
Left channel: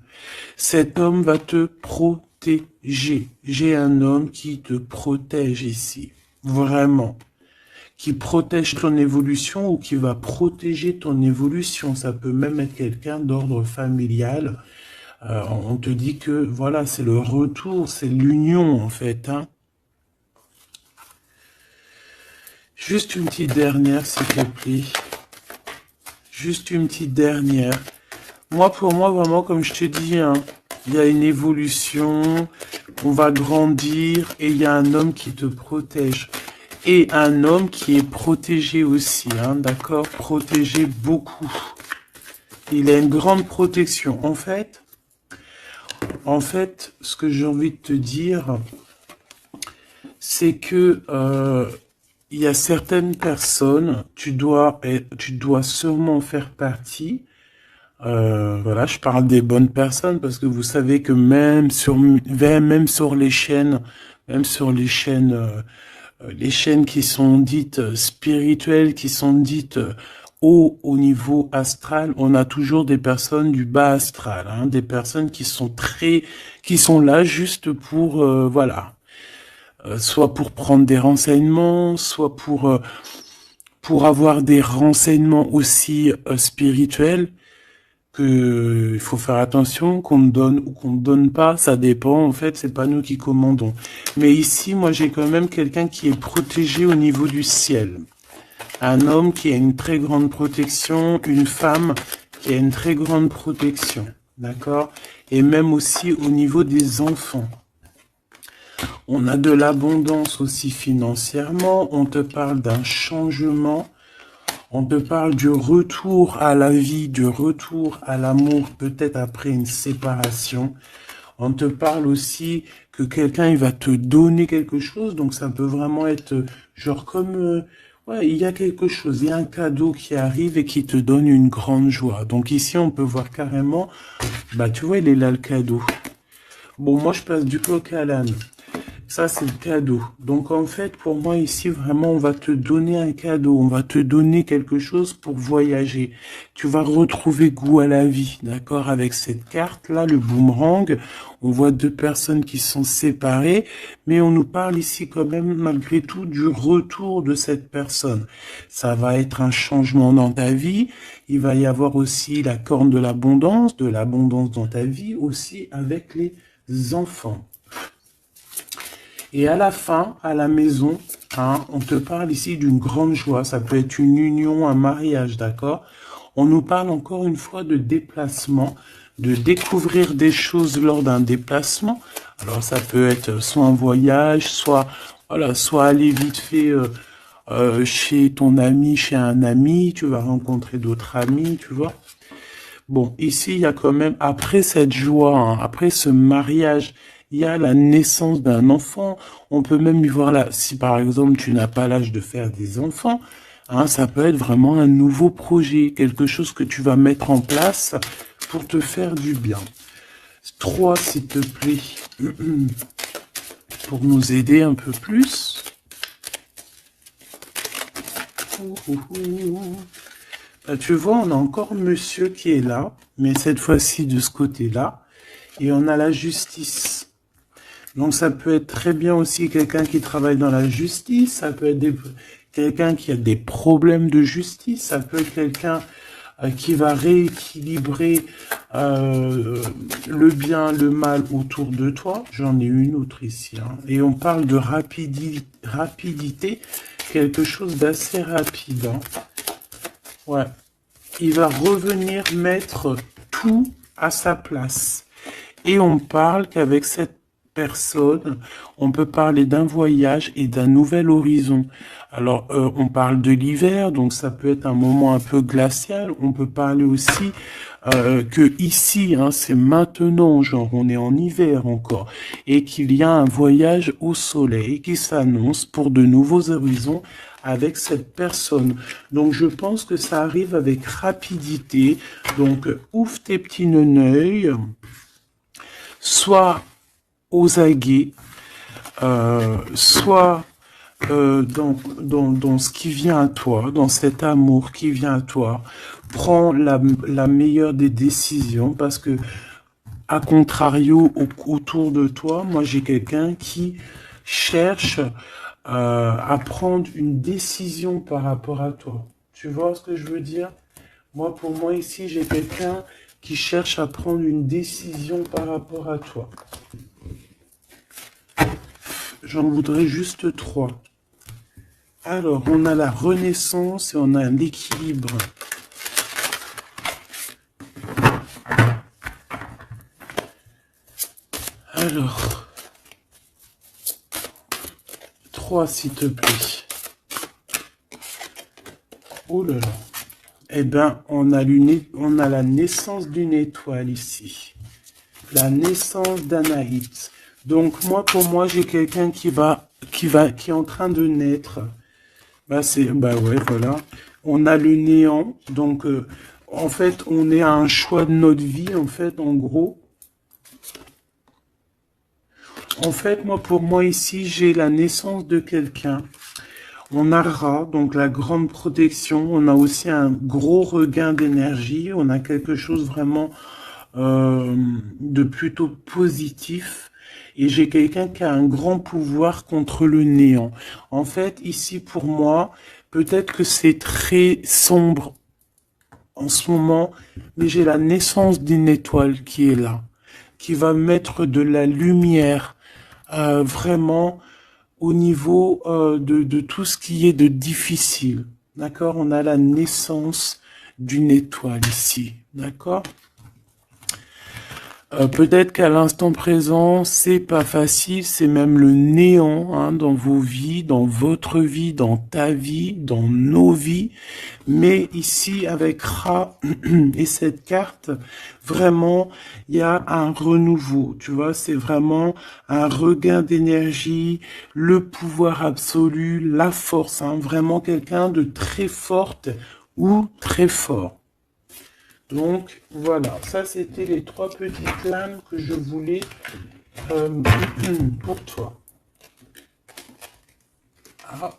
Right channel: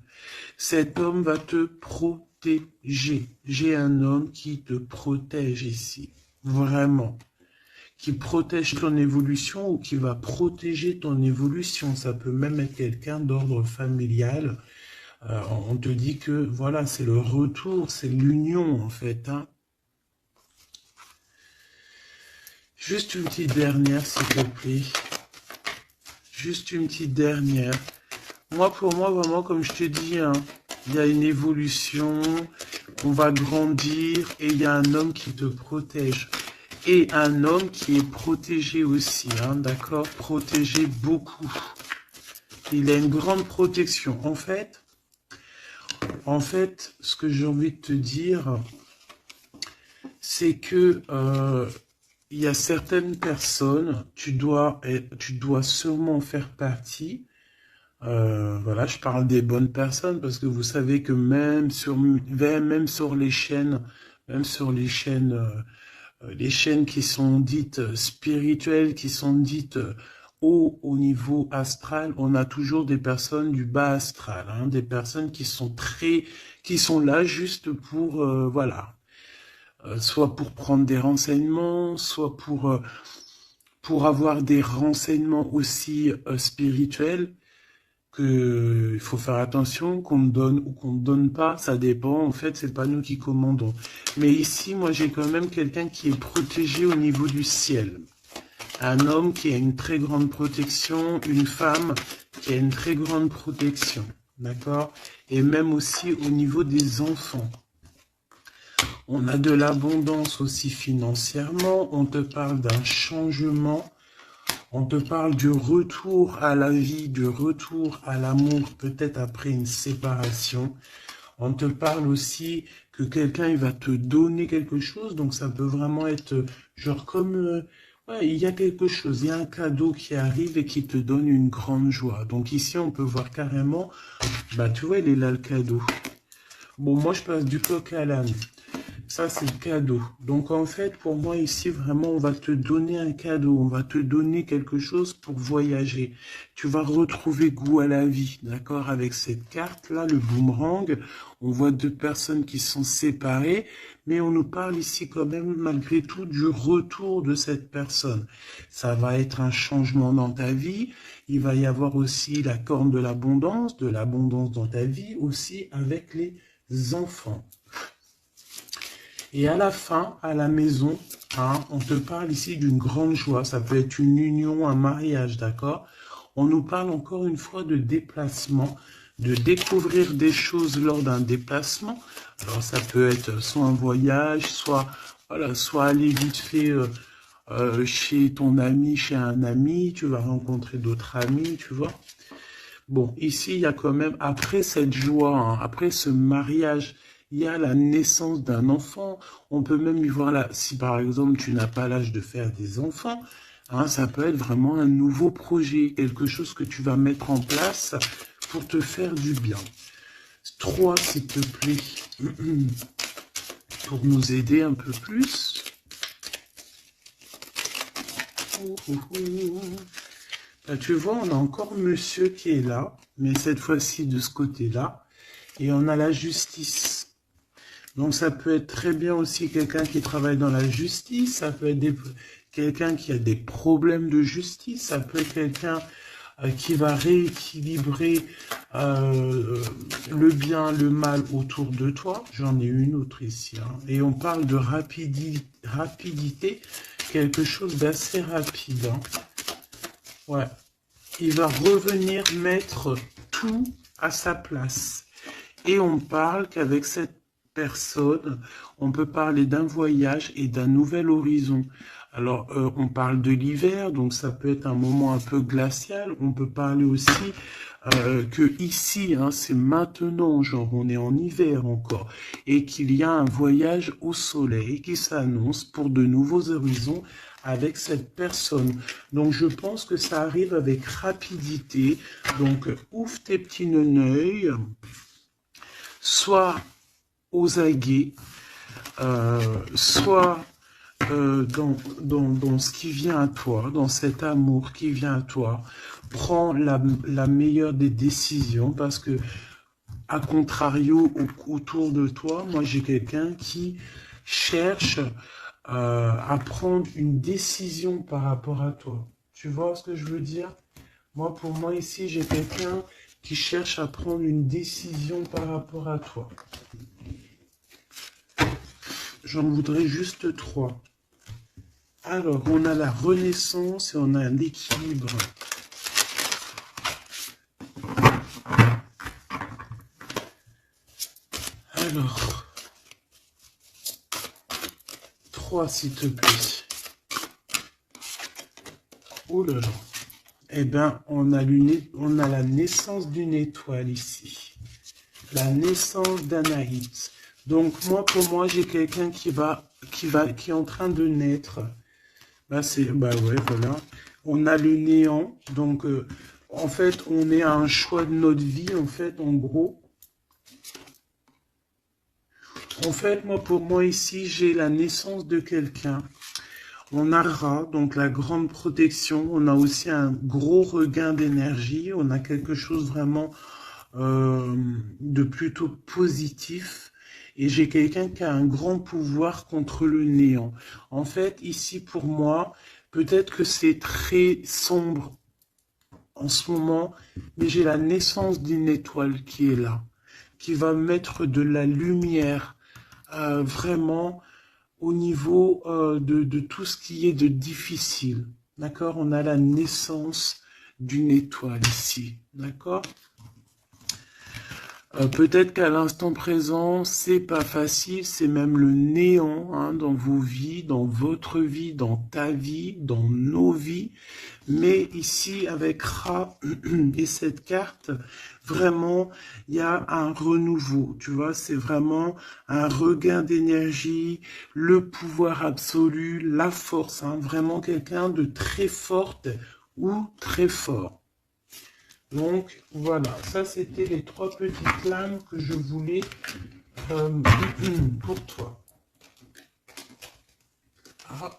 Cet homme va te protéger. J'ai un homme qui te protège ici. Vraiment, qui protège ton évolution ou qui va protéger ton évolution. Ça peut même être quelqu'un d'ordre familial. On te dit que voilà, c'est le retour, c'est l'union en fait, hein. Juste une petite dernière, s'il te plaît. Juste une petite dernière. Moi, pour moi, vraiment, comme je te dis, hein, il y a une évolution, on va grandir et il y a un homme qui te protège. Et un homme qui est protégé aussi, hein, d'accord? Protégé beaucoup. Il a une grande protection. En fait, ce que j'ai envie de te dire, c'est que il y a certaines personnes, tu dois sûrement faire partie. Voilà, je parle des bonnes personnes parce que vous savez que même sur les chaînes qui sont dites spirituelles, qui sont dites haut au niveau astral, on a toujours des personnes du bas astral, hein, des personnes qui sont là juste pour, voilà, soit pour prendre des renseignements, soit pour avoir des renseignements aussi spirituels que il faut faire attention qu'on me donne ou qu'on me donne pas, ça dépend. En fait, c'est pas nous qui commandons. Mais ici, moi, j'ai quand même quelqu'un qui est protégé au niveau du ciel. Un homme qui a une très grande protection, une femme qui a une très grande protection. D'accord? Et même aussi au niveau des enfants. On a de l'abondance aussi financièrement. On te parle d'un changement. On te parle du retour à la vie, du retour à l'amour, peut-être après une séparation. On te parle aussi que quelqu'un il va te donner quelque chose, donc ça peut vraiment être genre comme ouais, il y a quelque chose, il y a un cadeau qui arrive et qui te donne une grande joie. Donc ici on peut voir carrément, bah tu vois il est là le cadeau. Bon moi je passe du coq à l'âne. Ça, c'est le cadeau. Donc, en fait, pour moi, ici, vraiment, on va te donner un cadeau. On va te donner quelque chose pour voyager. Tu vas retrouver goût à la vie, d'accord? Avec cette carte-là, le boomerang, on voit deux personnes qui sont séparées, mais on nous parle ici quand même, malgré tout, du retour de cette personne. Ça va être un changement dans ta vie. Il va y avoir aussi la corne de l'abondance dans ta vie, aussi avec les enfants. Et à la fin, à la maison, hein, on te parle ici d'une grande joie. Ça peut être une union, un mariage, d'accord? On nous parle encore une fois de déplacement, de découvrir des choses lors d'un déplacement. Alors ça peut être soit un voyage, soit voilà, soit aller vite fait chez ton ami, chez un ami. Tu vas rencontrer d'autres amis, tu vois. Bon, ici, il y a quand même, après cette joie, hein, après ce mariage, il y a la naissance d'un enfant. On peut même y voir là, si par exemple tu n'as pas l'âge de faire des enfants, hein, ça peut être vraiment un nouveau projet, quelque chose que tu vas mettre en place pour te faire du bien. 3, s'il te plaît, pour nous aider un peu plus. Tu vois, on a encore monsieur qui est là, mais cette fois-ci de ce côté-là. Et on a la justice. Donc ça peut être très bien aussi quelqu'un qui travaille dans la justice, ça peut être quelqu'un qui a des problèmes de justice, ça peut être quelqu'un qui va rééquilibrer le bien, le mal autour de toi. J'en ai une autre ici. Hein. Et on parle de rapidité, quelque chose d'assez rapide. Hein. Ouais. Il va revenir mettre tout à sa place. Et on parle qu'avec cette personne, on peut parler d'un voyage et d'un nouvel horizon. Alors, on parle de l'hiver, donc ça peut être un moment un peu glacial. On peut parler aussi que ici, hein, c'est maintenant, genre on est en hiver encore, et qu'il y a un voyage au soleil qui s'annonce pour de nouveaux horizons avec cette personne. Donc je pense que ça arrive avec rapidité. Donc ouvre tes petits neneuils, soit aux aguets, soit dans ce qui vient à toi, dans cet amour qui vient à toi. Prends la meilleure des décisions parce que, à contrario, autour de toi, moi j'ai quelqu'un qui cherche à prendre une décision par rapport à toi. Tu vois ce que je veux dire? Moi, pour moi, ici, j'ai quelqu'un qui cherche à prendre une décision par rapport à toi. J'en voudrais juste 3. Alors, on a la renaissance et on a l'équilibre. Alors, 3 s'il te plaît. Oh là là. Eh bien, on a la naissance d'une étoile ici. La naissance d'Anaït. Donc, pour moi, j'ai quelqu'un qui est en train de naître. Bah ouais, voilà. On a le néant. Donc, en fait, on est à un choix de notre vie, en fait, en gros. En fait, pour moi, ici, j'ai la naissance de quelqu'un. On a Ra, donc la grande protection. On a aussi un gros regain d'énergie. On a quelque chose vraiment de plutôt positif. Et j'ai quelqu'un qui a un grand pouvoir contre le néant. En fait, ici, pour moi, peut-être que c'est très sombre en ce moment, mais j'ai la naissance d'une étoile qui est là, qui va mettre de la lumière vraiment au niveau de tout ce qui est de difficile. D'accord? On a la naissance d'une étoile ici. D'accord? Peut-être qu'à l'instant présent, c'est pas facile, c'est même le néant hein, dans vos vies, dans votre vie, dans ta vie, dans nos vies. Mais ici, avec Ra et cette carte, vraiment, il y a un renouveau. Tu vois, c'est vraiment un regain d'énergie, le pouvoir absolu, la force. Hein, vraiment quelqu'un de très forte ou très fort. Donc voilà, ça c'était les trois petites lames que je voulais euh, pour toi. Ah,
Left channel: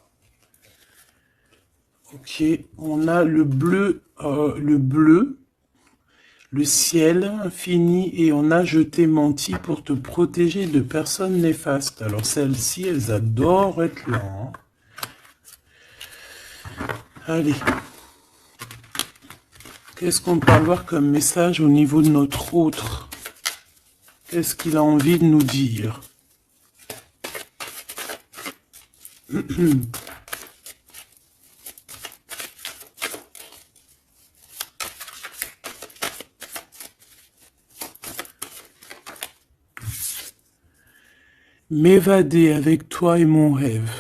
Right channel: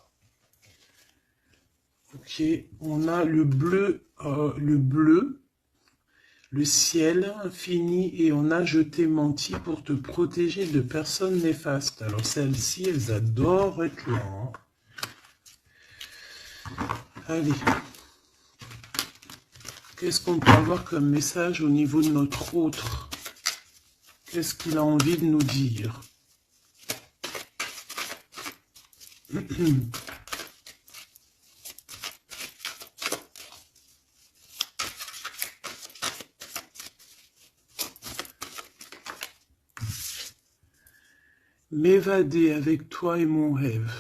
ok, on a le ciel infini et on a je t'ai menti pour te protéger de personnes néfastes. Alors celles-ci, elles adorent être là. Hein. Allez, qu'est-ce qu'on peut avoir comme message au niveau de notre autre? Qu'est-ce qu'il a envie de nous dire? M'évader avec toi est mon rêve.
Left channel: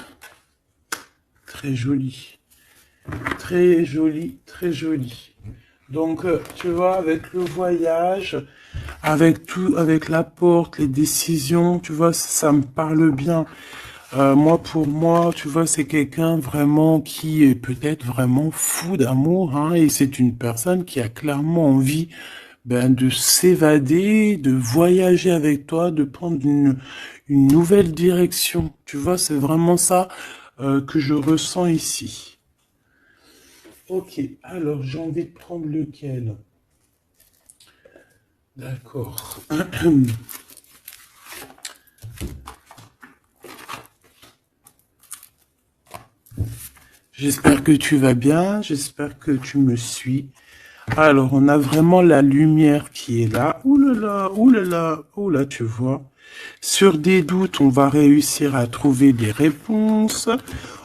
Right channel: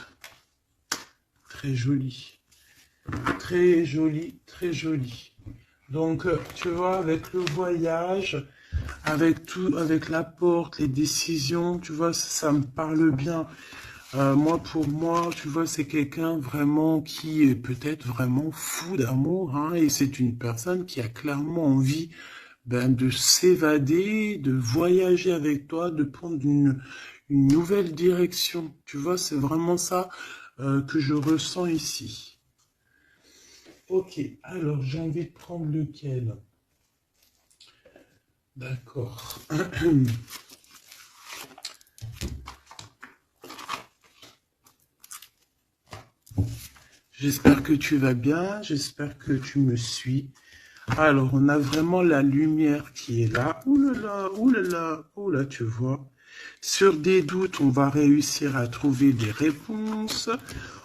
Très joli. Très joli, très joli. Donc, tu vois, avec le voyage, avec tout, avec la porte, les décisions, tu vois, ça me parle bien. Moi, pour moi, tu vois, c'est quelqu'un vraiment qui est peut-être vraiment fou d'amour, hein, et c'est une personne qui a clairement envie de s'évader, de voyager avec toi, de prendre une nouvelle direction. Tu vois, c'est vraiment ça que je ressens ici. Ok, alors j'ai envie de prendre lequel? D'accord. J'espère que tu vas bien, j'espère que tu me suis. Alors, on a vraiment la lumière qui est là. Ouh là là, ouh là là, oh là, tu vois. Sur des doutes, on va réussir à trouver des réponses.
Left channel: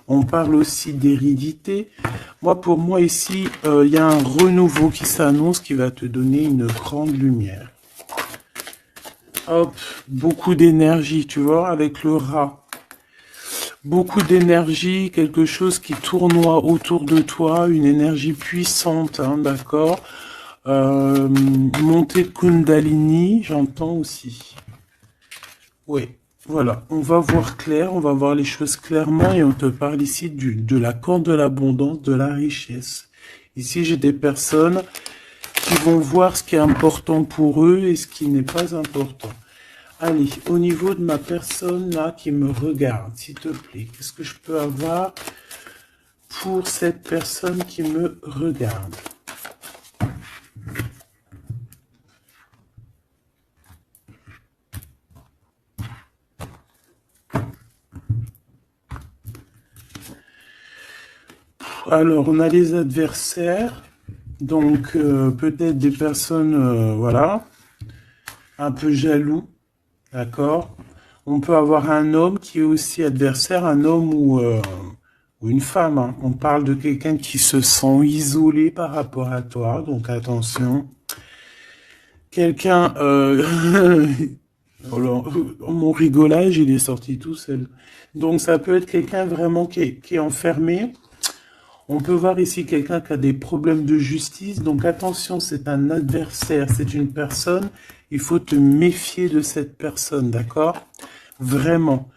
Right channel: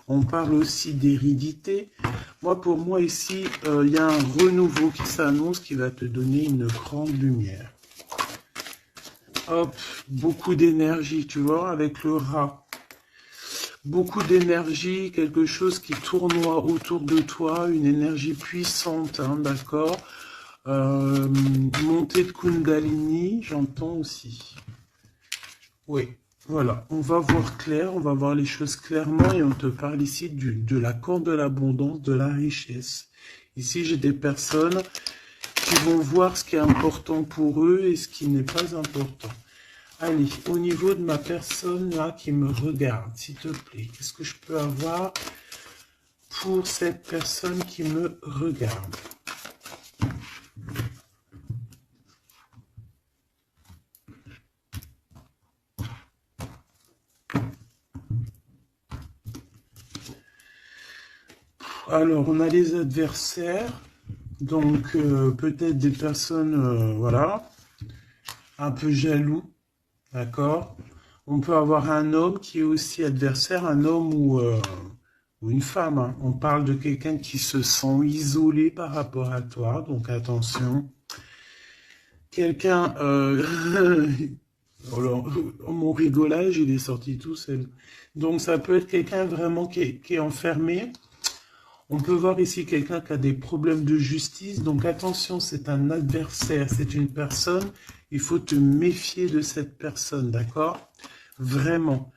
On parle aussi d'hérédité. Moi, pour moi, ici, il y a un renouveau qui s'annonce qui va te donner une grande lumière. Hop, beaucoup d'énergie, tu vois, avec le rat. Beaucoup d'énergie, quelque chose qui tournoie autour de toi, une énergie puissante, hein, d'accord. Montée de Kundalini, j'entends aussi. Oui, voilà, on va voir clair, on va voir les choses clairement et on te parle ici de la corde de l'abondance, de la richesse. Ici, j'ai des personnes qui vont voir ce qui est important pour eux et ce qui n'est pas important. Allez, au niveau de ma personne là qui me regarde, s'il te plaît, qu'est-ce que je peux avoir pour cette personne qui me regarde? Alors, on a les adversaires, donc peut-être des personnes, voilà, un peu jaloux, d'accord? On peut avoir un homme qui est aussi adversaire, un homme ou une femme. Hein. On parle de quelqu'un qui se sent isolé par rapport à toi, donc attention. Quelqu'un, alors, mon rigolage, il est sorti tout seul. Donc ça peut être quelqu'un vraiment qui est enfermé. On peut voir ici quelqu'un qui a des problèmes de justice. Donc attention, c'est un adversaire, c'est une personne. Il faut te méfier de cette personne, d'accord? Vraiment.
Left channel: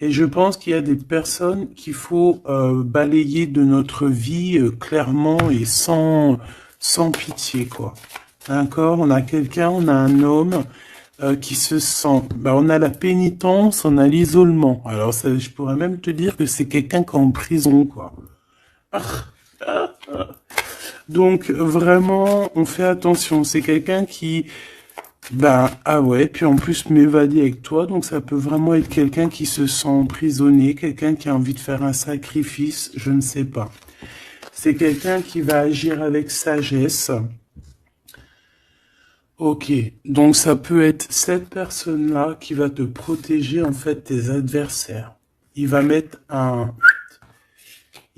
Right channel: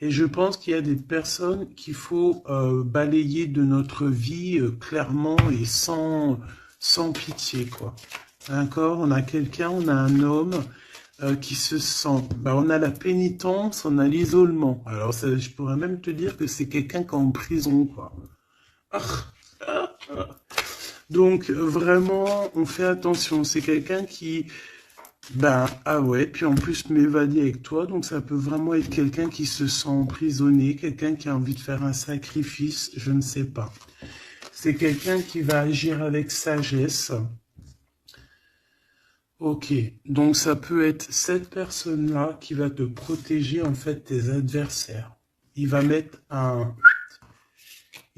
Et je pense qu'il y a des personnes qu'il faut balayer de notre vie clairement et sans pitié, quoi. D'accord? On a quelqu'un, on a un homme qui se sent... on a la pénitence, on a l'isolement. Alors, je pourrais même te dire que c'est quelqu'un qui est en prison, quoi. Ah, ah, ah. Donc, vraiment, on fait attention. C'est quelqu'un qui... ah ouais, puis en plus m'évader avec toi, donc ça peut vraiment être quelqu'un qui se sent emprisonné, quelqu'un qui a envie de faire un sacrifice, je ne sais pas. C'est quelqu'un qui va agir avec sagesse. Ok, donc ça peut être cette personne-là qui va te protéger en fait tes adversaires. Il va mettre un...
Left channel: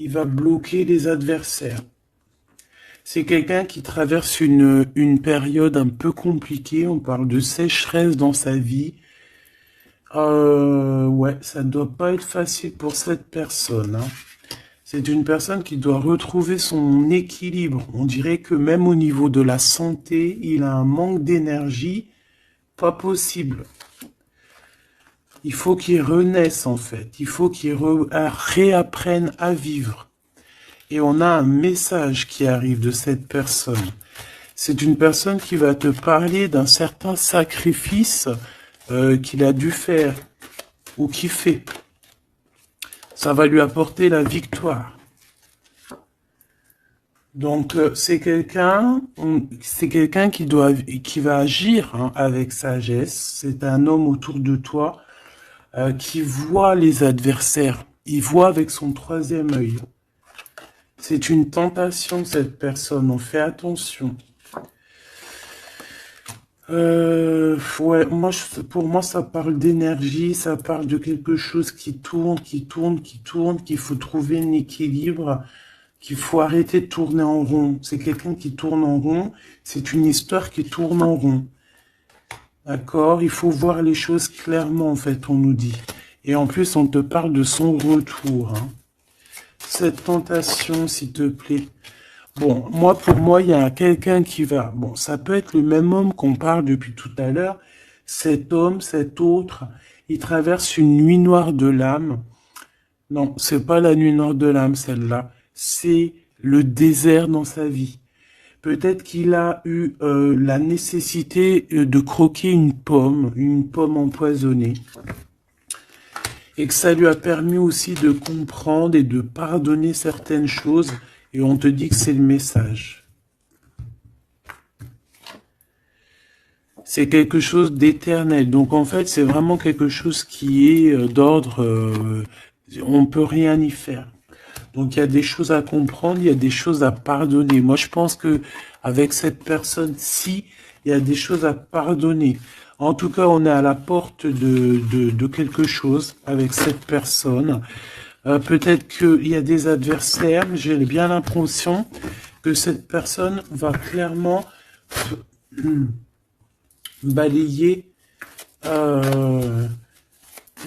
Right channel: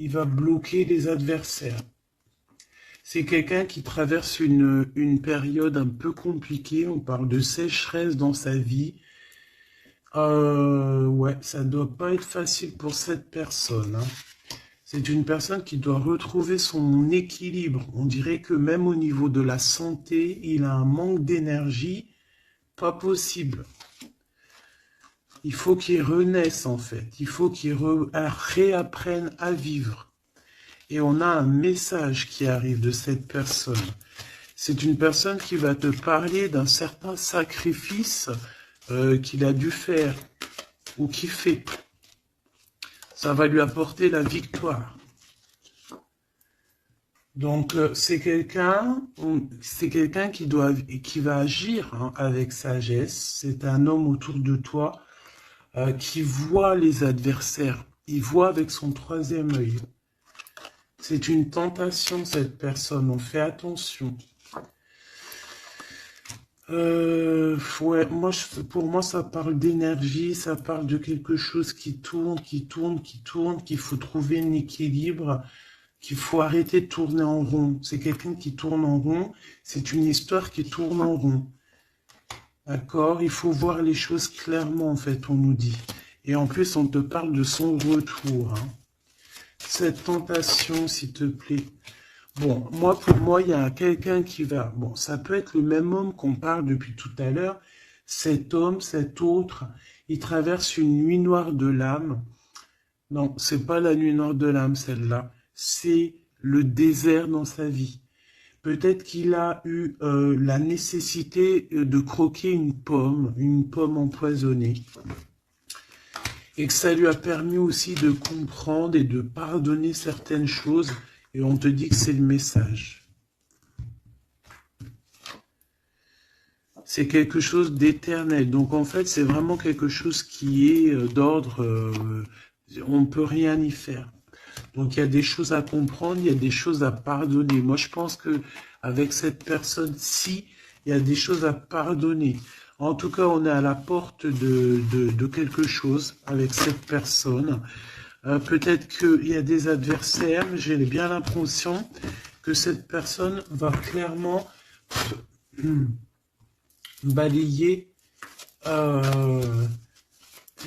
Il va bloquer les adversaires. C'est quelqu'un qui traverse une période un peu compliquée. On parle de sécheresse dans sa vie. Ouais, ça doit pas être facile pour cette personne, hein. C'est une personne qui doit retrouver son équilibre. On dirait que même au niveau de la santé, il a un manque d'énergie, pas possible. Il faut qu'il renaisse en fait. Il faut qu'il réapprenne à vivre. Et on a un message qui arrive de cette personne. C'est une personne qui va te parler d'un certain sacrifice qu'il a dû faire ou qu'il fait. Ça va lui apporter la victoire. Donc c'est quelqu'un qui va agir, hein, avec sagesse. C'est un homme autour de toi qui voit les adversaires. Il voit avec son troisième œil. C'est une tentation, cette personne. On fait attention. Ouais, pour moi, ça parle d'énergie, ça parle de quelque chose qui tourne, qu'il faut trouver un équilibre, qu'il faut arrêter de tourner en rond. C'est quelqu'un qui tourne en rond, c'est une histoire qui tourne en rond. D'accord? Il faut voir les choses clairement, en fait, on nous dit. Et en plus, on te parle de son retour, hein. Cette tentation, s'il te plaît. Bon, pour moi, il y a quelqu'un qui va... Bon, ça peut être le même homme qu'on parle depuis tout à l'heure. Cet homme, cet autre, il traverse une nuit noire de l'âme. Non, c'est pas la nuit noire de l'âme, celle-là. C'est le désert dans sa vie. Peut-être qu'il a eu la nécessité de croquer une pomme empoisonnée. Et que ça lui a permis aussi de comprendre et de pardonner certaines choses. Et on te dit que c'est le message. C'est quelque chose d'éternel. Donc en fait, c'est vraiment quelque chose qui est d'ordre... on ne peut rien y faire. Donc il y a des choses à comprendre, il y a des choses à pardonner. Moi, je pense que avec cette personne-ci, il y a des choses à pardonner. En tout cas, on est à la porte de quelque chose avec cette personne. Peut-être qu'il y a des adversaires, mais j'ai bien l'impression que cette personne va clairement balayer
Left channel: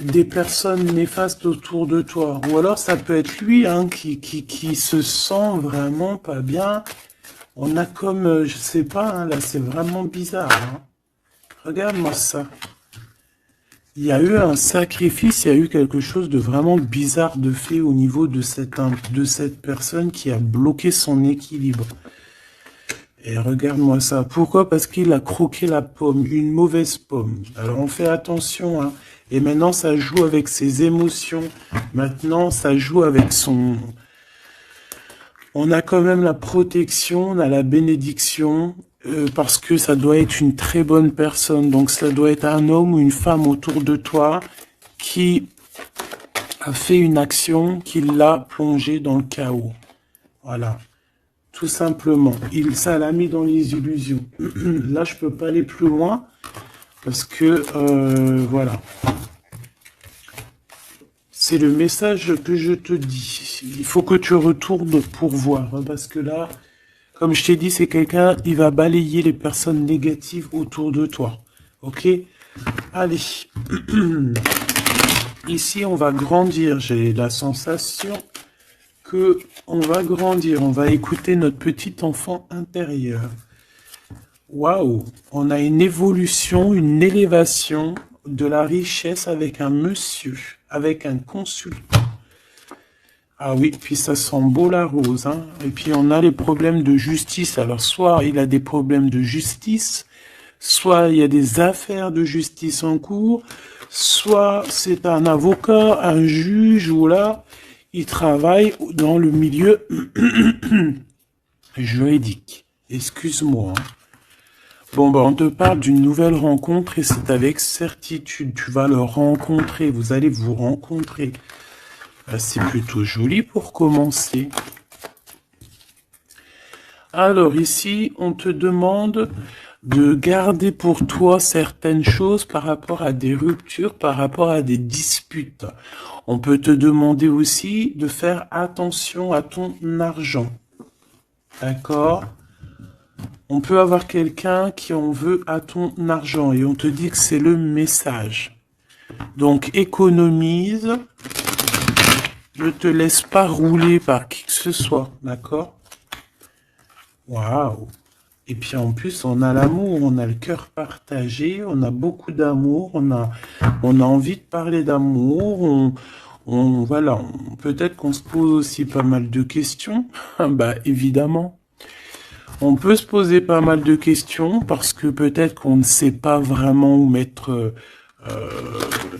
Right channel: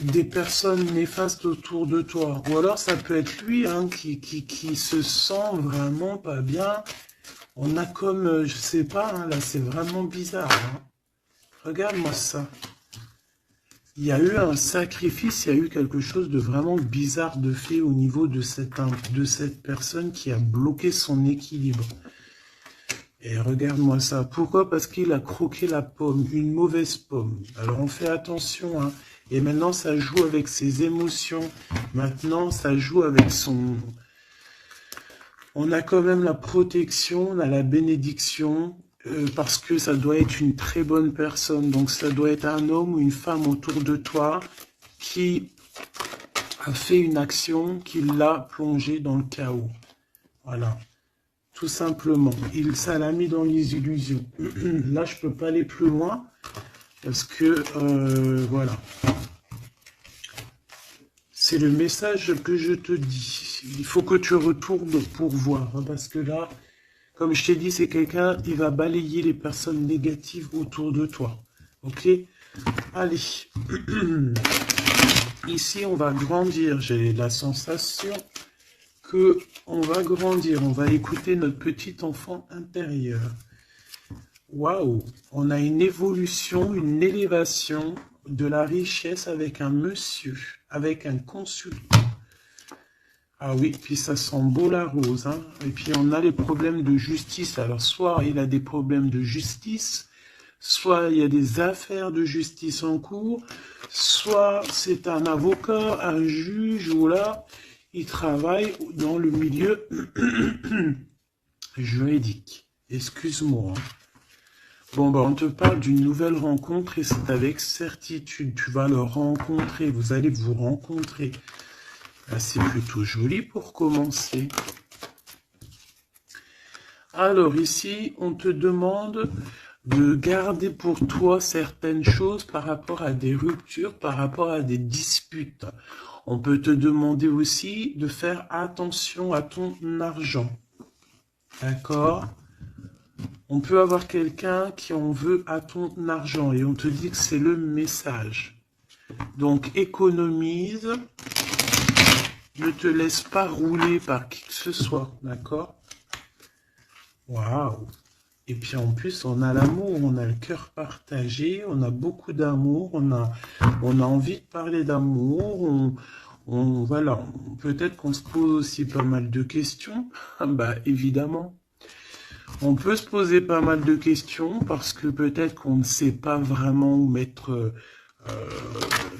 des personnes néfastes autour de toi. Ou alors ça peut être lui, hein, qui se sent vraiment pas bien. On a comme, je sais pas, hein, là c'est vraiment bizarre, hein. Regarde-moi ça. Il y a eu un sacrifice, il y a eu quelque chose de vraiment bizarre de fait au niveau de cette personne qui a bloqué son équilibre. Et regarde-moi ça. Pourquoi? Parce qu'il a croqué la pomme, une mauvaise pomme. Alors on fait attention, hein. Et maintenant ça joue avec ses émotions. Maintenant ça joue avec son... On a quand même la protection, on a la bénédiction, parce que ça doit être une très bonne personne. Donc ça doit être un homme ou une femme autour de toi qui a fait une action qui l'a plongé dans le chaos. Voilà. Tout simplement. Ça l'a mis dans les illusions. Là, je peux pas aller plus loin parce que, voilà. C'est le message que je te dis. Il faut que tu retournes pour voir, hein, parce que là, comme je t'ai dit, c'est quelqu'un, il va balayer les personnes négatives autour de toi. Ok? Allez. Ici, on va grandir. J'ai la sensation que on va grandir. On va écouter notre petit enfant intérieur. Waouh! On a une évolution, une élévation de la richesse avec un monsieur, avec un consultant. Ah oui, puis ça sent beau la rose, hein. Et puis on a les problèmes de justice. Alors soit il a des problèmes de justice, soit il y a des affaires de justice en cours, soit c'est un avocat, un juge, ou là, il travaille dans le milieu juridique. Excuse-moi, hein. Bon, bah, on te parle d'une nouvelle rencontre et c'est avec certitude. Tu vas le rencontrer, vous allez vous rencontrer. Bah, c'est plutôt joli pour commencer. Alors ici, on te demande de garder pour toi certaines choses par rapport à des ruptures, par rapport à des disputes. On peut te demander aussi de faire attention à ton argent. D'accord? On peut avoir quelqu'un qui en veut à ton argent et on te dit que c'est le message. Donc économise, ne te laisse pas rouler par qui que ce soit, d'accord? Waouh! Et puis en plus, on a l'amour, on a le cœur partagé, on a beaucoup d'amour, on a envie de parler d'amour, voilà, peut-être qu'on se pose aussi pas mal de questions. Ah bah évidemment, on peut se poser pas mal de questions parce que peut-être qu'on ne sait pas vraiment où mettre,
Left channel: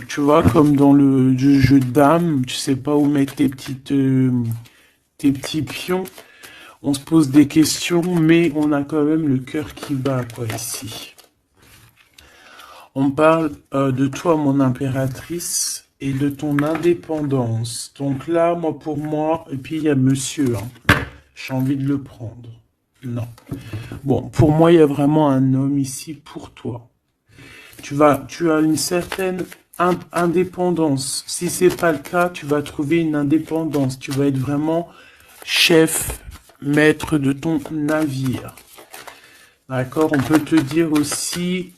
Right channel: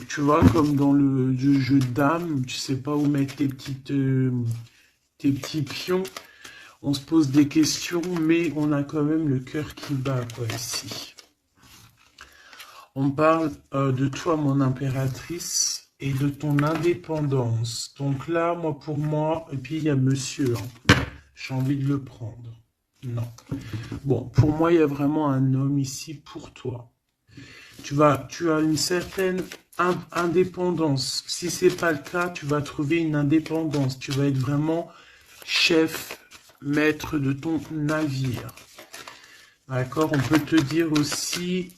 tu vois, comme dans le jeu de dames, tu sais pas où mettre tes petits pions. On se pose des questions, mais on a quand même le cœur qui bat, quoi, ici. On parle de toi, mon impératrice, et de ton indépendance. Donc là, moi, pour moi, et puis il y a monsieur, hein. J'ai envie de le prendre. Non. Bon, pour moi, il y a vraiment un homme ici pour toi. Tu as une certaine indépendance. Si c'est pas le cas, tu vas trouver une indépendance. Tu vas être vraiment chef, maître de ton navire. D'accord? On peut te dire aussi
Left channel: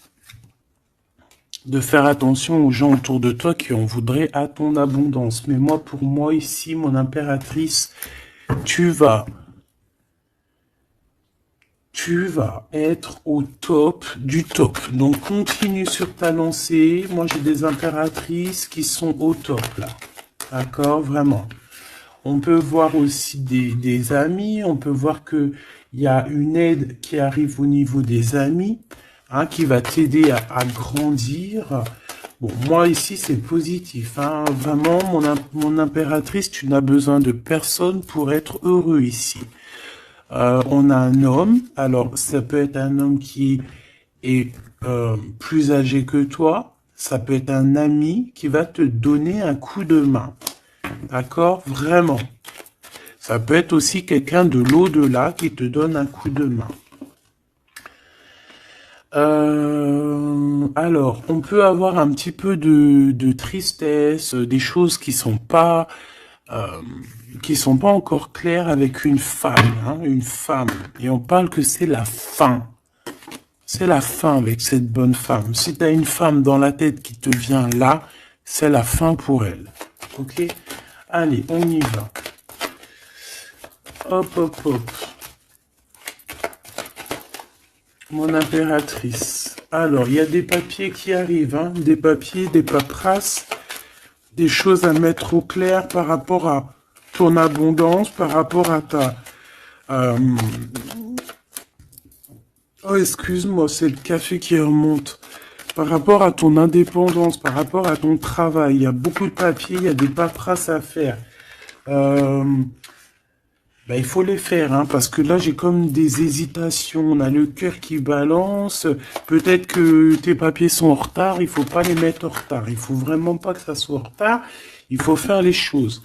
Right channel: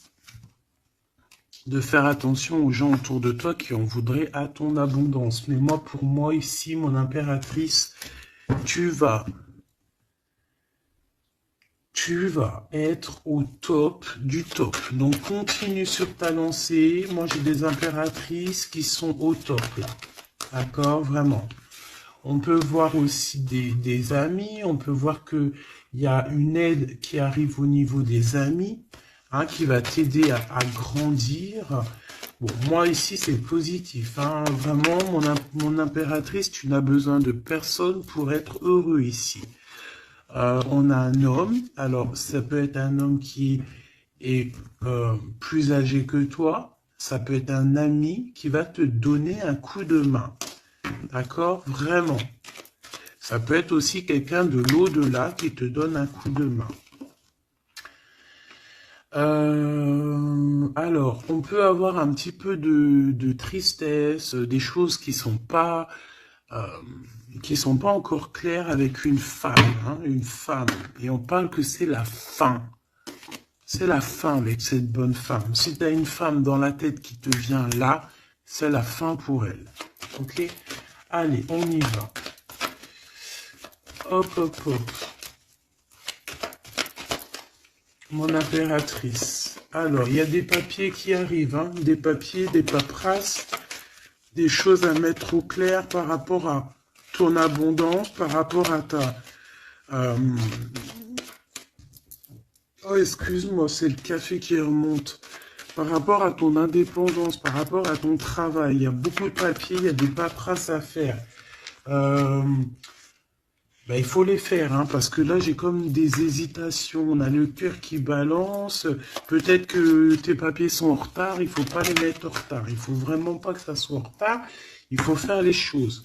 de faire attention aux gens autour de toi qui en voudraient à ton abondance. Mais moi, pour moi, ici, mon impératrice, tu vas être au top du top. Donc, continue sur ta lancée. Moi, j'ai des impératrices qui sont au top, là. D'accord? Vraiment. On peut voir aussi des amis. On peut voir que il y a une aide qui arrive au niveau des amis, hein, qui va t'aider à grandir. Bon, moi, ici, c'est positif. Hein. Vraiment, mon impératrice, tu n'as besoin de personne pour être heureux ici. On a un homme, alors ça peut être un homme qui est plus âgé que toi, ça peut être un ami qui va te donner un coup de main, d'accord? Vraiment. Ça peut être aussi quelqu'un de l'au-delà qui te donne un coup de main. Alors, on peut avoir un petit peu de tristesse, des choses qui sont pas encore claires avec une femme, hein, une femme. Et on parle que c'est la fin. C'est la fin avec cette bonne femme. Si tu as une femme dans la tête qui te vient là, c'est la fin pour elle. Ok? Allez, on y va. Hop, hop, hop. Mon impératrice. Alors, il y a des papiers qui arrivent, hein, des papiers, des paperasses, des choses à mettre au clair par rapport à ton abondance, par rapport à ta... Oh, excuse-moi, c'est le café qui remonte. Par rapport à ton indépendance, par rapport à ton travail, il y a beaucoup de papiers, il y a des paperasses à faire. Ben, il faut les faire, hein, parce que là, j'ai comme des hésitations. On a le cœur qui balance. Peut-être que tes papiers sont en retard. Il faut pas les mettre en retard. Il faut vraiment pas que ça soit en retard. Il faut faire les choses.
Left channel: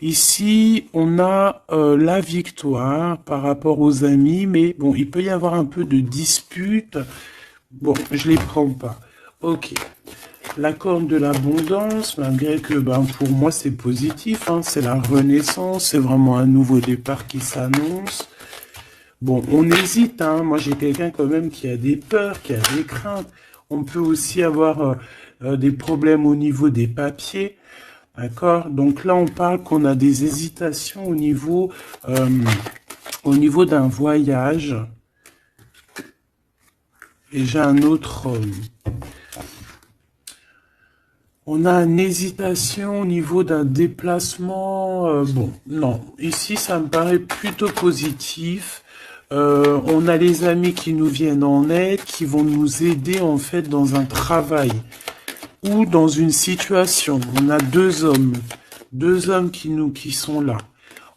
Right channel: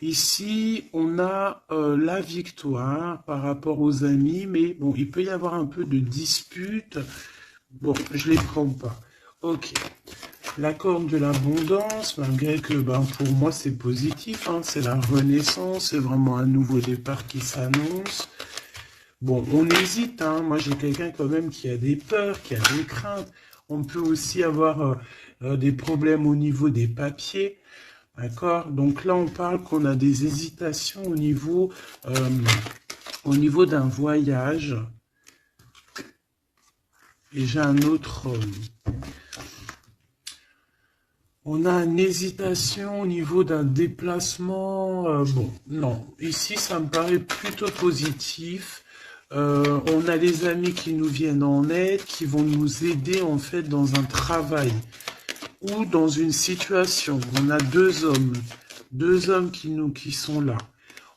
Ici, on a la victoire par rapport aux amis, mais bon, il peut y avoir un peu de dispute. Bon, je les prends pas. Ok. La corne de l'abondance, malgré que ben, pour moi c'est positif, hein, c'est la renaissance, c'est vraiment un nouveau départ qui s'annonce. Bon, on hésite, hein, moi j'ai quelqu'un quand même qui a des peurs, qui a des craintes. On peut aussi avoir des problèmes au niveau des papiers, d'accord? Donc là on parle qu'on a des hésitations au niveau d'un voyage. Et j'ai un autre... on a une hésitation au niveau d'un déplacement. Bon, non. Ici, ça me paraît plutôt positif. On a les amis qui nous viennent en aide, qui vont nous aider en fait dans un travail ou dans une situation. On a deux hommes qui sont là.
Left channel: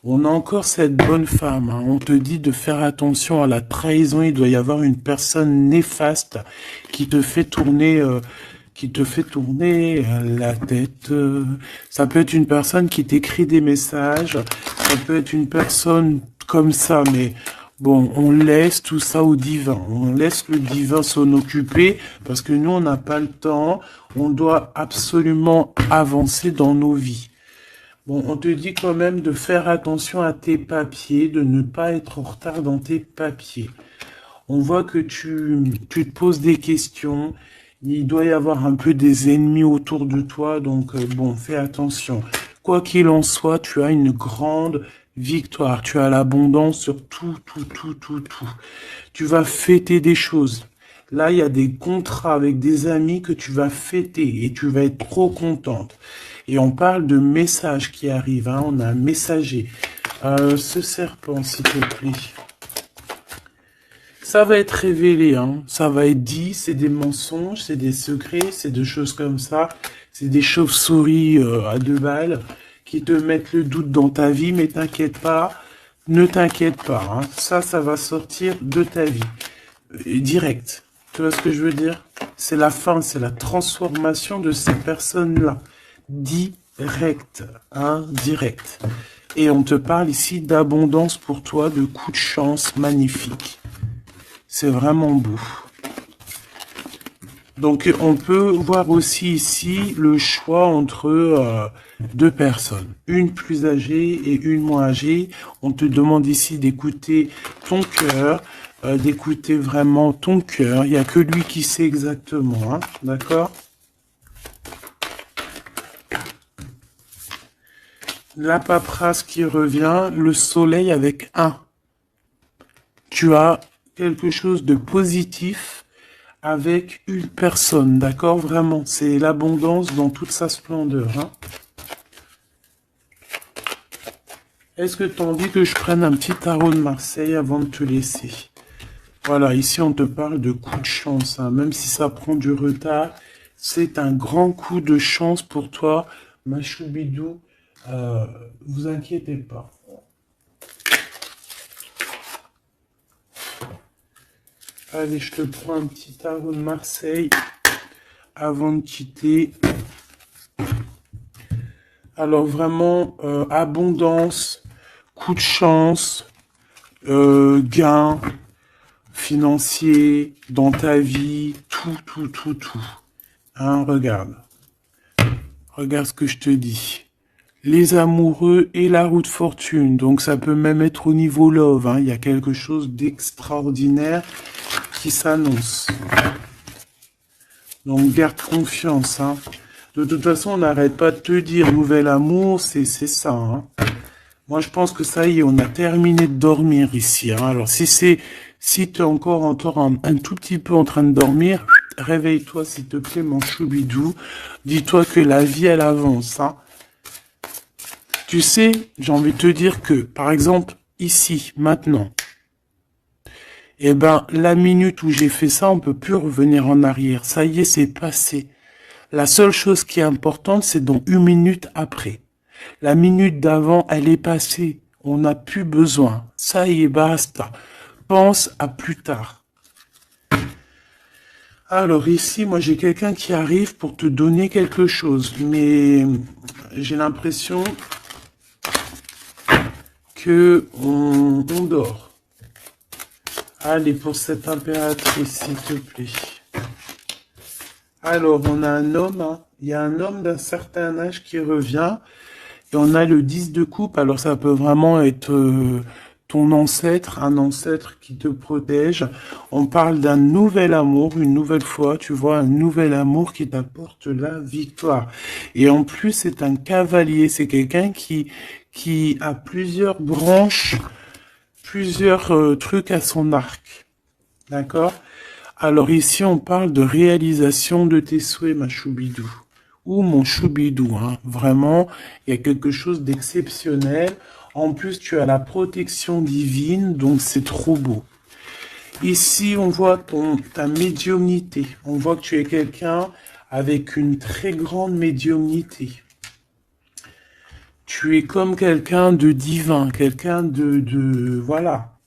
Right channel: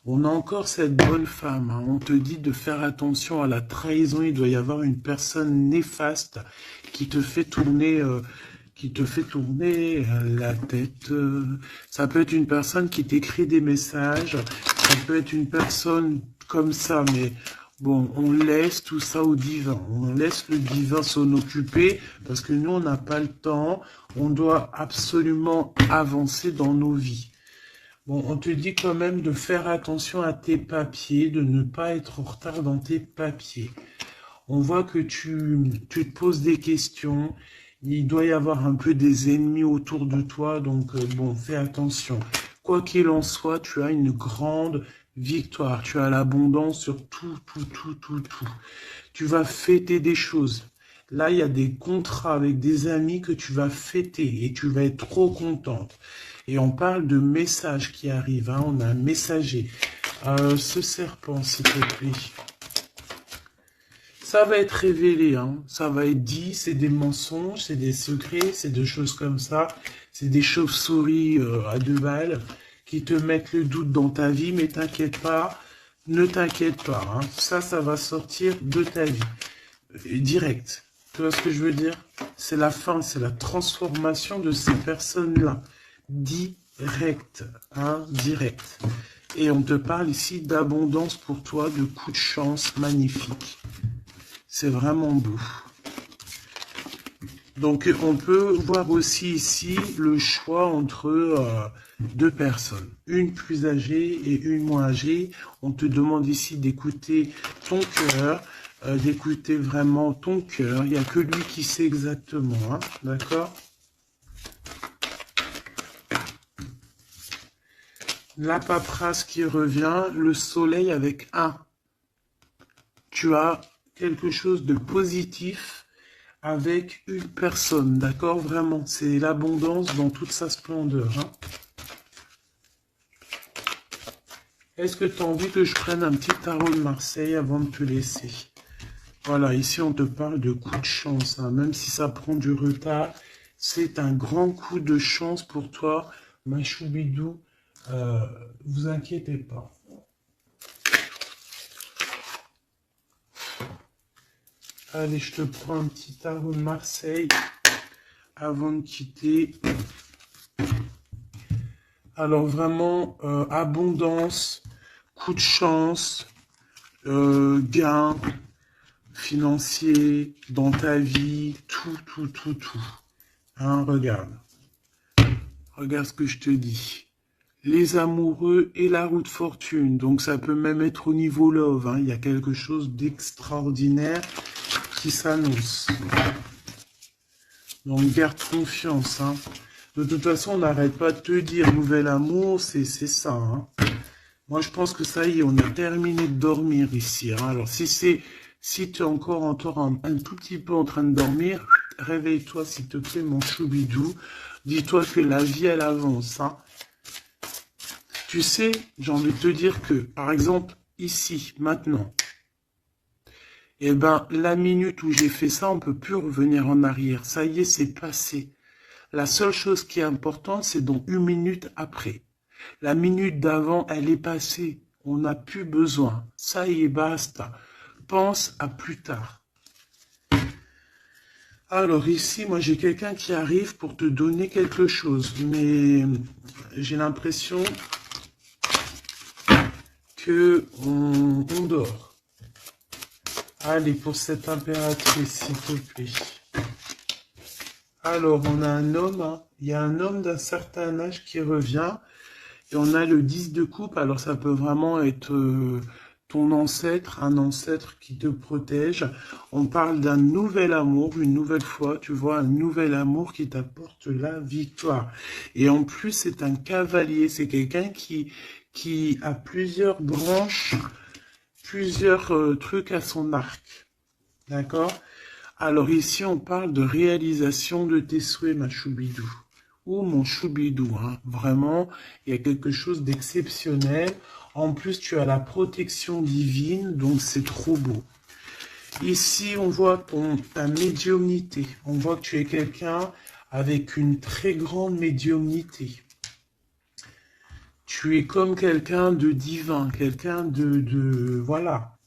On a encore cette bonne femme. Hein. On te dit de faire attention à la trahison. Il doit y avoir une personne néfaste qui te fait tourner la tête. Ça peut être une personne qui t'écrit des messages, ça peut être une personne comme ça, mais bon, on laisse tout ça au divin. On laisse le divin s'en occuper parce que nous, on n'a pas le temps. On doit absolument avancer dans nos vies. Bon, on te dit quand même de faire attention à tes papiers, de ne pas être en retard dans tes papiers. On voit que tu te poses des questions. Il doit y avoir un peu des ennemis autour de toi, donc bon, fais attention. Quoi qu'il en soit, tu as une grande victoire. Tu as l'abondance sur tout, tout, tout, tout, tout. Tu vas fêter des choses. Là, il y a des contrats avec des amis que tu vas fêter et tu vas être trop contente. Et on parle de messages qui arrivent, hein. On a un messager. Ce serpent, s'il te plaît. Ça va être révélé, hein. Ça va être dit, c'est des mensonges, c'est des secrets, c'est des choses comme ça. C'est des chauves-souris à 2 balles qui te mettent le doute dans ta vie, mais t'inquiète pas, ne t'inquiète pas, hein. Ça va sortir de ta vie. Direct. Tu vois ce que je veux dire? C'est la fin, c'est la transformation de ces personnes-là. Direct, hein, direct. Et on te parle ici d'abondance pour toi, de coups de chance magnifiques. C'est vraiment beau. Donc, on peut voir aussi ici le choix entre 2 personnes. Une plus âgée et une moins âgée. On te demande ici d'écouter ton cœur, d'écouter vraiment ton cœur. Il n'y a que lui qui sait exactement, hein, d'accord? La paperasse qui revient, le soleil avec 1. Tu as quelque chose de positif avec une personne, d'accord? Vraiment, c'est l'abondance dans toute sa splendeur, hein. Est-ce que tu as envie que je prenne un petit tarot de Marseille avant de te laisser? Voilà, ici on te parle de coup de chance, hein. Même si ça prend du retard, c'est un grand coup de chance pour toi, ma choubidou. Vous inquiétez pas. Allez, je te prends un petit tarot de Marseille avant de quitter. Alors vraiment, abondance, coup de chance, gain financier dans ta vie, tout, tout, tout, tout. Hein, regarde. Regarde ce que je te dis. Les amoureux et la roue de fortune. Donc ça peut même être au niveau love, hein. Il y a quelque chose d'extraordinaire qui s'annonce. Donc garde confiance, hein. De toute façon, on n'arrête pas de te dire nouvel amour, c'est ça, hein. Moi, je pense que ça y est, on a terminé de dormir ici, hein. Alors, si tu es encore un tout petit peu en train de dormir, réveille-toi, s'il te plaît, mon choubidou. Dis-toi que la vie, elle avance, hein. Tu sais, j'ai envie de te dire que, par exemple, ici, maintenant, eh ben, la minute où j'ai fait ça, on peut plus revenir en arrière. Ça y est, c'est passé. La seule chose qui est importante, c'est dans 1 minute après. La minute d'avant, elle est passée. On n'a plus besoin. Ça y est, basta. Pense à plus tard. Alors ici, moi j'ai quelqu'un qui arrive pour te donner quelque chose. Mais j'ai l'impression que on dort. Allez, pour cette impératrice, s'il te plaît. Alors, on a un homme, hein. Il y a un homme d'un certain âge qui revient. Et on a le 10 de coupe. Alors, ça peut vraiment être ton ancêtre, un ancêtre qui te protège. On parle d'un nouvel amour, une nouvelle fois, tu vois, un nouvel amour qui t'apporte la victoire. Et en plus, c'est un cavalier. C'est quelqu'un qui a plusieurs branches, plusieurs trucs à son arc. D'accord? Alors ici, on parle de réalisation de tes souhaits, ma choubidou. Ou mon choubidou, hein. Vraiment, il y a quelque chose d'exceptionnel. En plus, tu as la protection divine, donc c'est trop beau. Ici, on voit ta médiumnité. On voit que tu es quelqu'un avec une très grande médiumnité. Tu es comme quelqu'un de divin, quelqu'un voilà.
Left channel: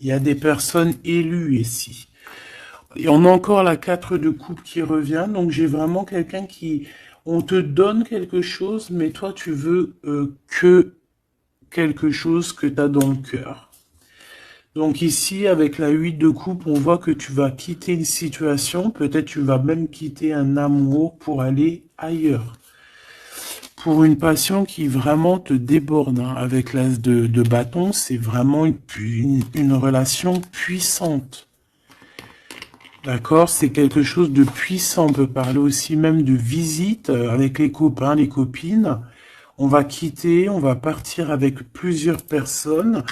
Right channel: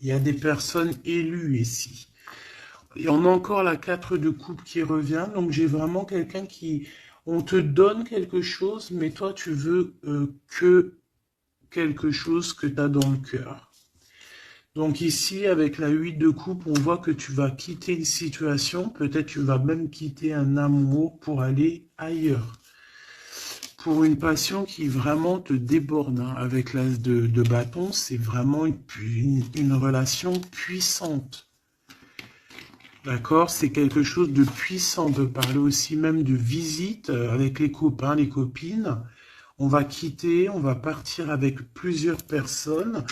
Il y a des personnes élues ici. Et on a encore la 4 de coupe qui revient. Donc, j'ai vraiment quelqu'un qui... On te donne quelque chose, mais toi, tu veux que quelque chose que tu as dans le cœur. Donc ici, avec la 8 de coupe, on voit que tu vas quitter une situation. Peut-être tu vas même quitter un amour pour aller ailleurs. pour une passion qui vraiment te déborde, hein. Avec l'as de bâton, c'est vraiment une relation puissante. D'accord? C'est quelque chose de puissant. On peut parler aussi même de visite avec les copains, les copines. On va quitter, on va partir avec plusieurs personnes.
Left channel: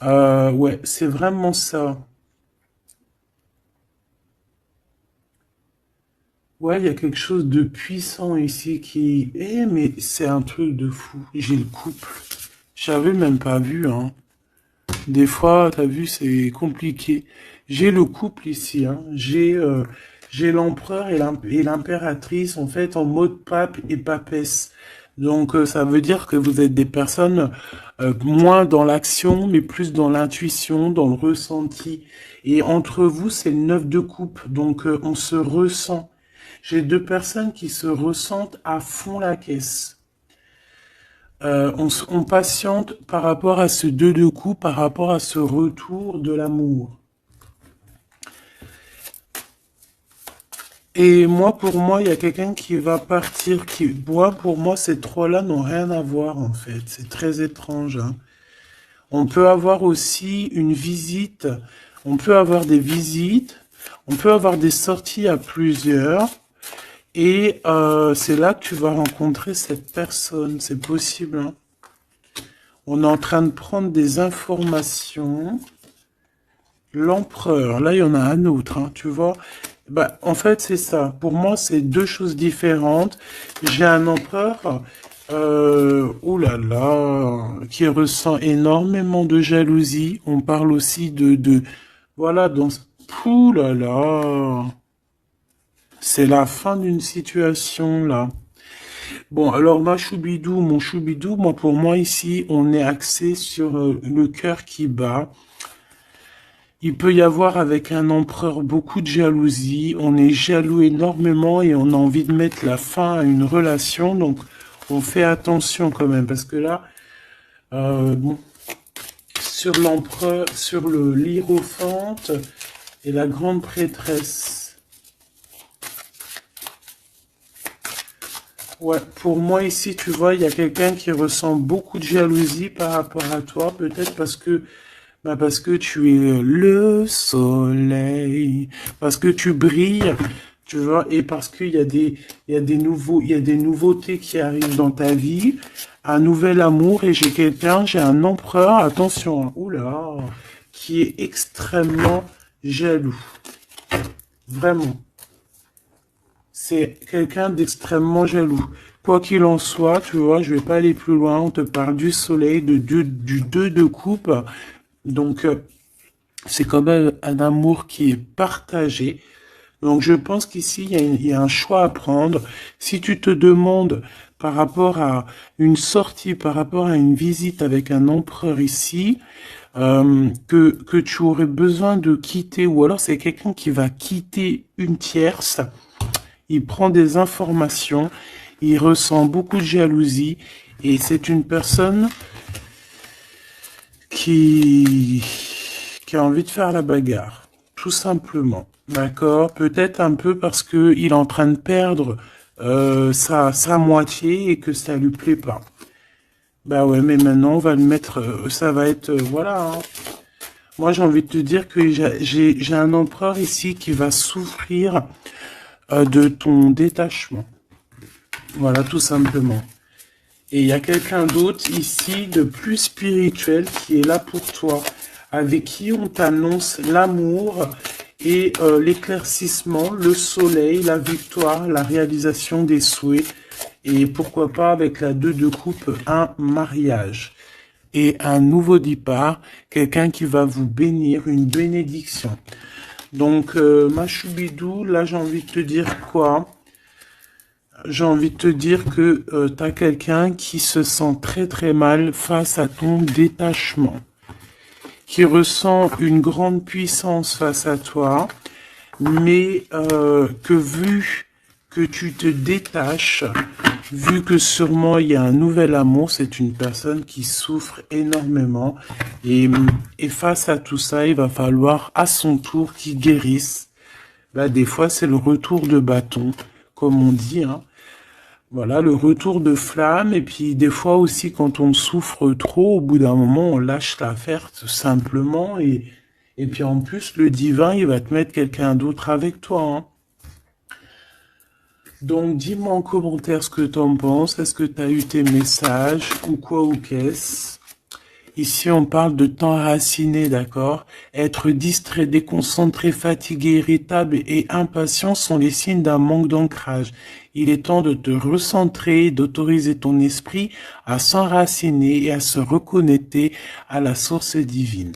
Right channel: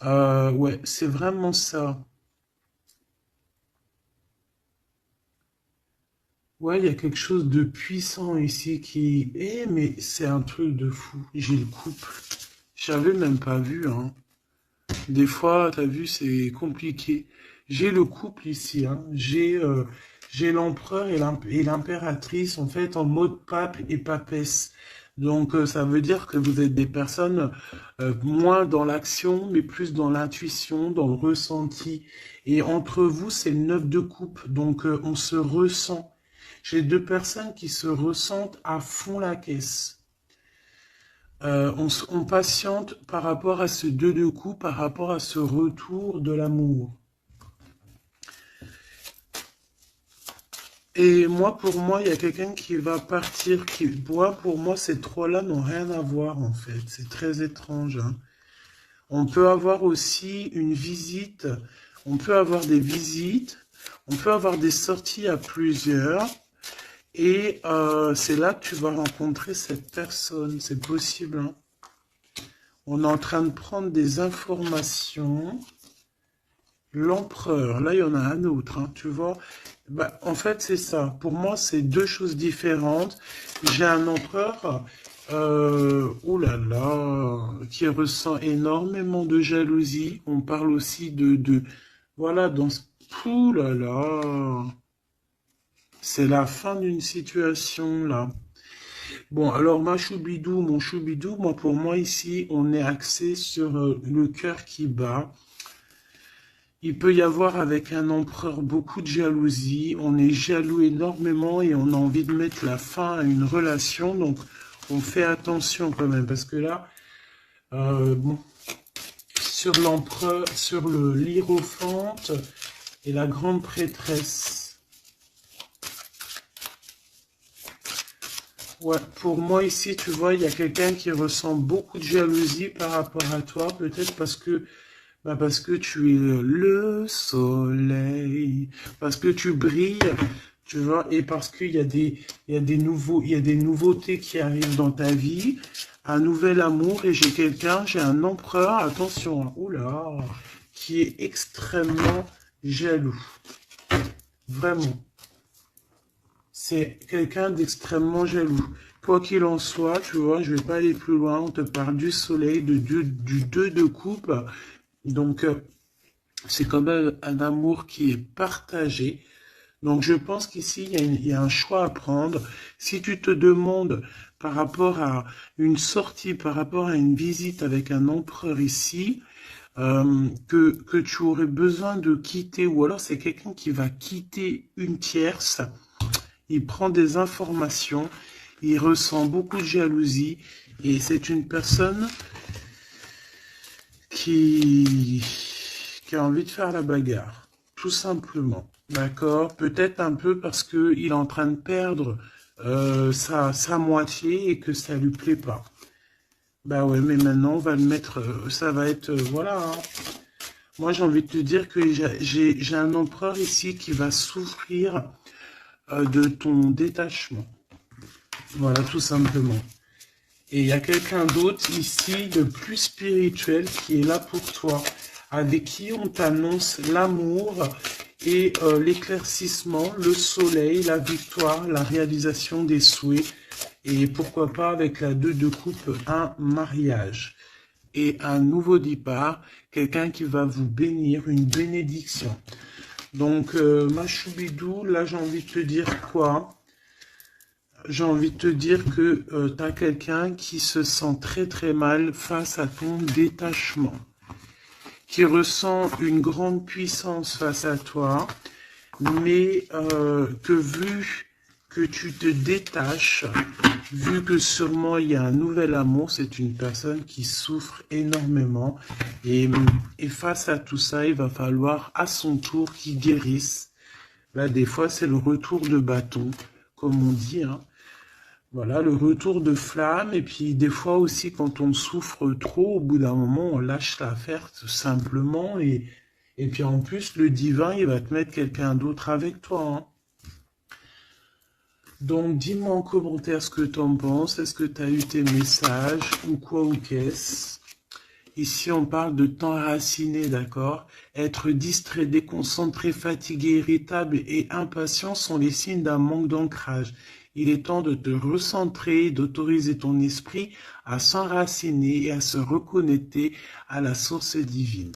Ouais, c'est vraiment ça. Ouais, il y a quelque chose de puissant ici qui... mais c'est un truc de fou. J'ai le couple. J'avais même pas vu, hein. Des fois, t'as vu, c'est compliqué. J'ai le couple ici, hein. J'ai l'empereur et l'impératrice, en fait, en mode pape et papesse. Donc, ça veut dire que vous êtes des personnes moins dans l'action, mais plus dans l'intuition, dans le ressenti. Et entre vous, c'est le neuf de coupe. Donc, on se ressent. J'ai deux personnes qui se ressentent à fond la caisse. On patiente par rapport à ce deux de coups, par rapport à ce retour de l'amour. Et moi, pour moi, il y a quelqu'un qui va partir, pour moi, ces trois-là n'ont rien à voir, en fait. C'est très étrange, hein. On peut avoir aussi une visite, on peut avoir des visites, on peut avoir des sorties à plusieurs. Et c'est là que tu vas rencontrer cette personne, c'est possible, hein. On est en train de prendre des informations. L'empereur, là il y en a un autre, hein, tu vois. Bah, en fait, c'est ça. Pour moi, c'est deux choses différentes. J'ai un empereur, oh là là, qui ressent énormément de jalousie. On parle aussi voilà, ouh là là, c'est la fin d'une situation là. Bon, alors ma choubidou, mon choubidou, moi pour moi ici, on est axé sur le cœur qui bat. Il peut y avoir avec un empereur beaucoup de jalousie. On est jaloux énormément et on a envie de mettre la fin à une relation. Donc on fait attention quand même parce que là, bon, sur l'empereur, sur le l'hiérophante et la grande prêtresse. Ouais, pour moi ici, tu vois, il y a quelqu'un qui ressent beaucoup de jalousie par rapport à toi, peut-être parce que tu es le soleil, parce que tu brilles, tu vois, et parce il y a des nouveautés qui arrivent dans ta vie, un nouvel amour, et j'ai un empereur, attention, hein, oula, qui est extrêmement jaloux, vraiment. C'est quelqu'un d'extrêmement jaloux. Quoi qu'il en soit, tu vois, je vais pas aller plus loin. On te parle du soleil, du 2 de coupe. Donc, c'est quand même un amour qui est partagé. Donc, je pense qu'ici, il y a un choix à prendre. Si tu te demandes par rapport à une sortie, par rapport à une visite avec un empereur ici, que tu aurais besoin de quitter, ou alors c'est quelqu'un qui va quitter une tierce, il prend des informations, il ressent beaucoup de jalousie et c'est une personne qui, qui a envie de faire la bagarre, tout simplement. D'accord? Peut-être un peu parce que il est en train de perdre sa moitié et que ça lui plaît pas. Bah ouais, mais maintenant on va le mettre, ça va être, voilà, hein. Moi j'ai envie de te dire que j'ai un empereur ici qui va souffrir de ton détachement. Voilà, tout simplement. Et il y a quelqu'un d'autre ici de plus spirituel qui est là pour toi, avec qui on t'annonce l'amour et l'éclaircissement, le soleil, la victoire, la réalisation des souhaits. Et pourquoi pas avec la 2 de coupe, un mariage. Et un nouveau départ, quelqu'un qui va vous bénir, une bénédiction. Donc, ma choubidou, là j'ai envie de te dire quoi? J'ai envie de te dire que tu as quelqu'un qui se sent très très mal face à ton détachement, qui ressent une grande puissance face à toi, mais que vu que tu te détaches, vu que sûrement il y a un nouvel amour, c'est une personne qui souffre énormément, et face à tout ça, il va falloir à son tour qu'il guérisse. Là, des fois, c'est le retour de bâton, comme on dit, hein. Voilà, le retour de flamme. Et puis des fois aussi, quand on souffre trop, au bout d'un moment, on lâche l'affaire tout simplement. Et puis en plus, le divin, il va te mettre quelqu'un d'autre avec toi, hein. Donc dis-moi en commentaire ce que t'en penses. Est-ce que tu as eu tes messages ou quoi ou qu'est-ce? Ici, on parle de temps raciné, d'accord? Être distrait, déconcentré, fatigué, irritable et impatient sont les signes d'un manque d'ancrage. Il est temps de te recentrer, d'autoriser ton esprit à s'enraciner et à se reconnecter à la source divine.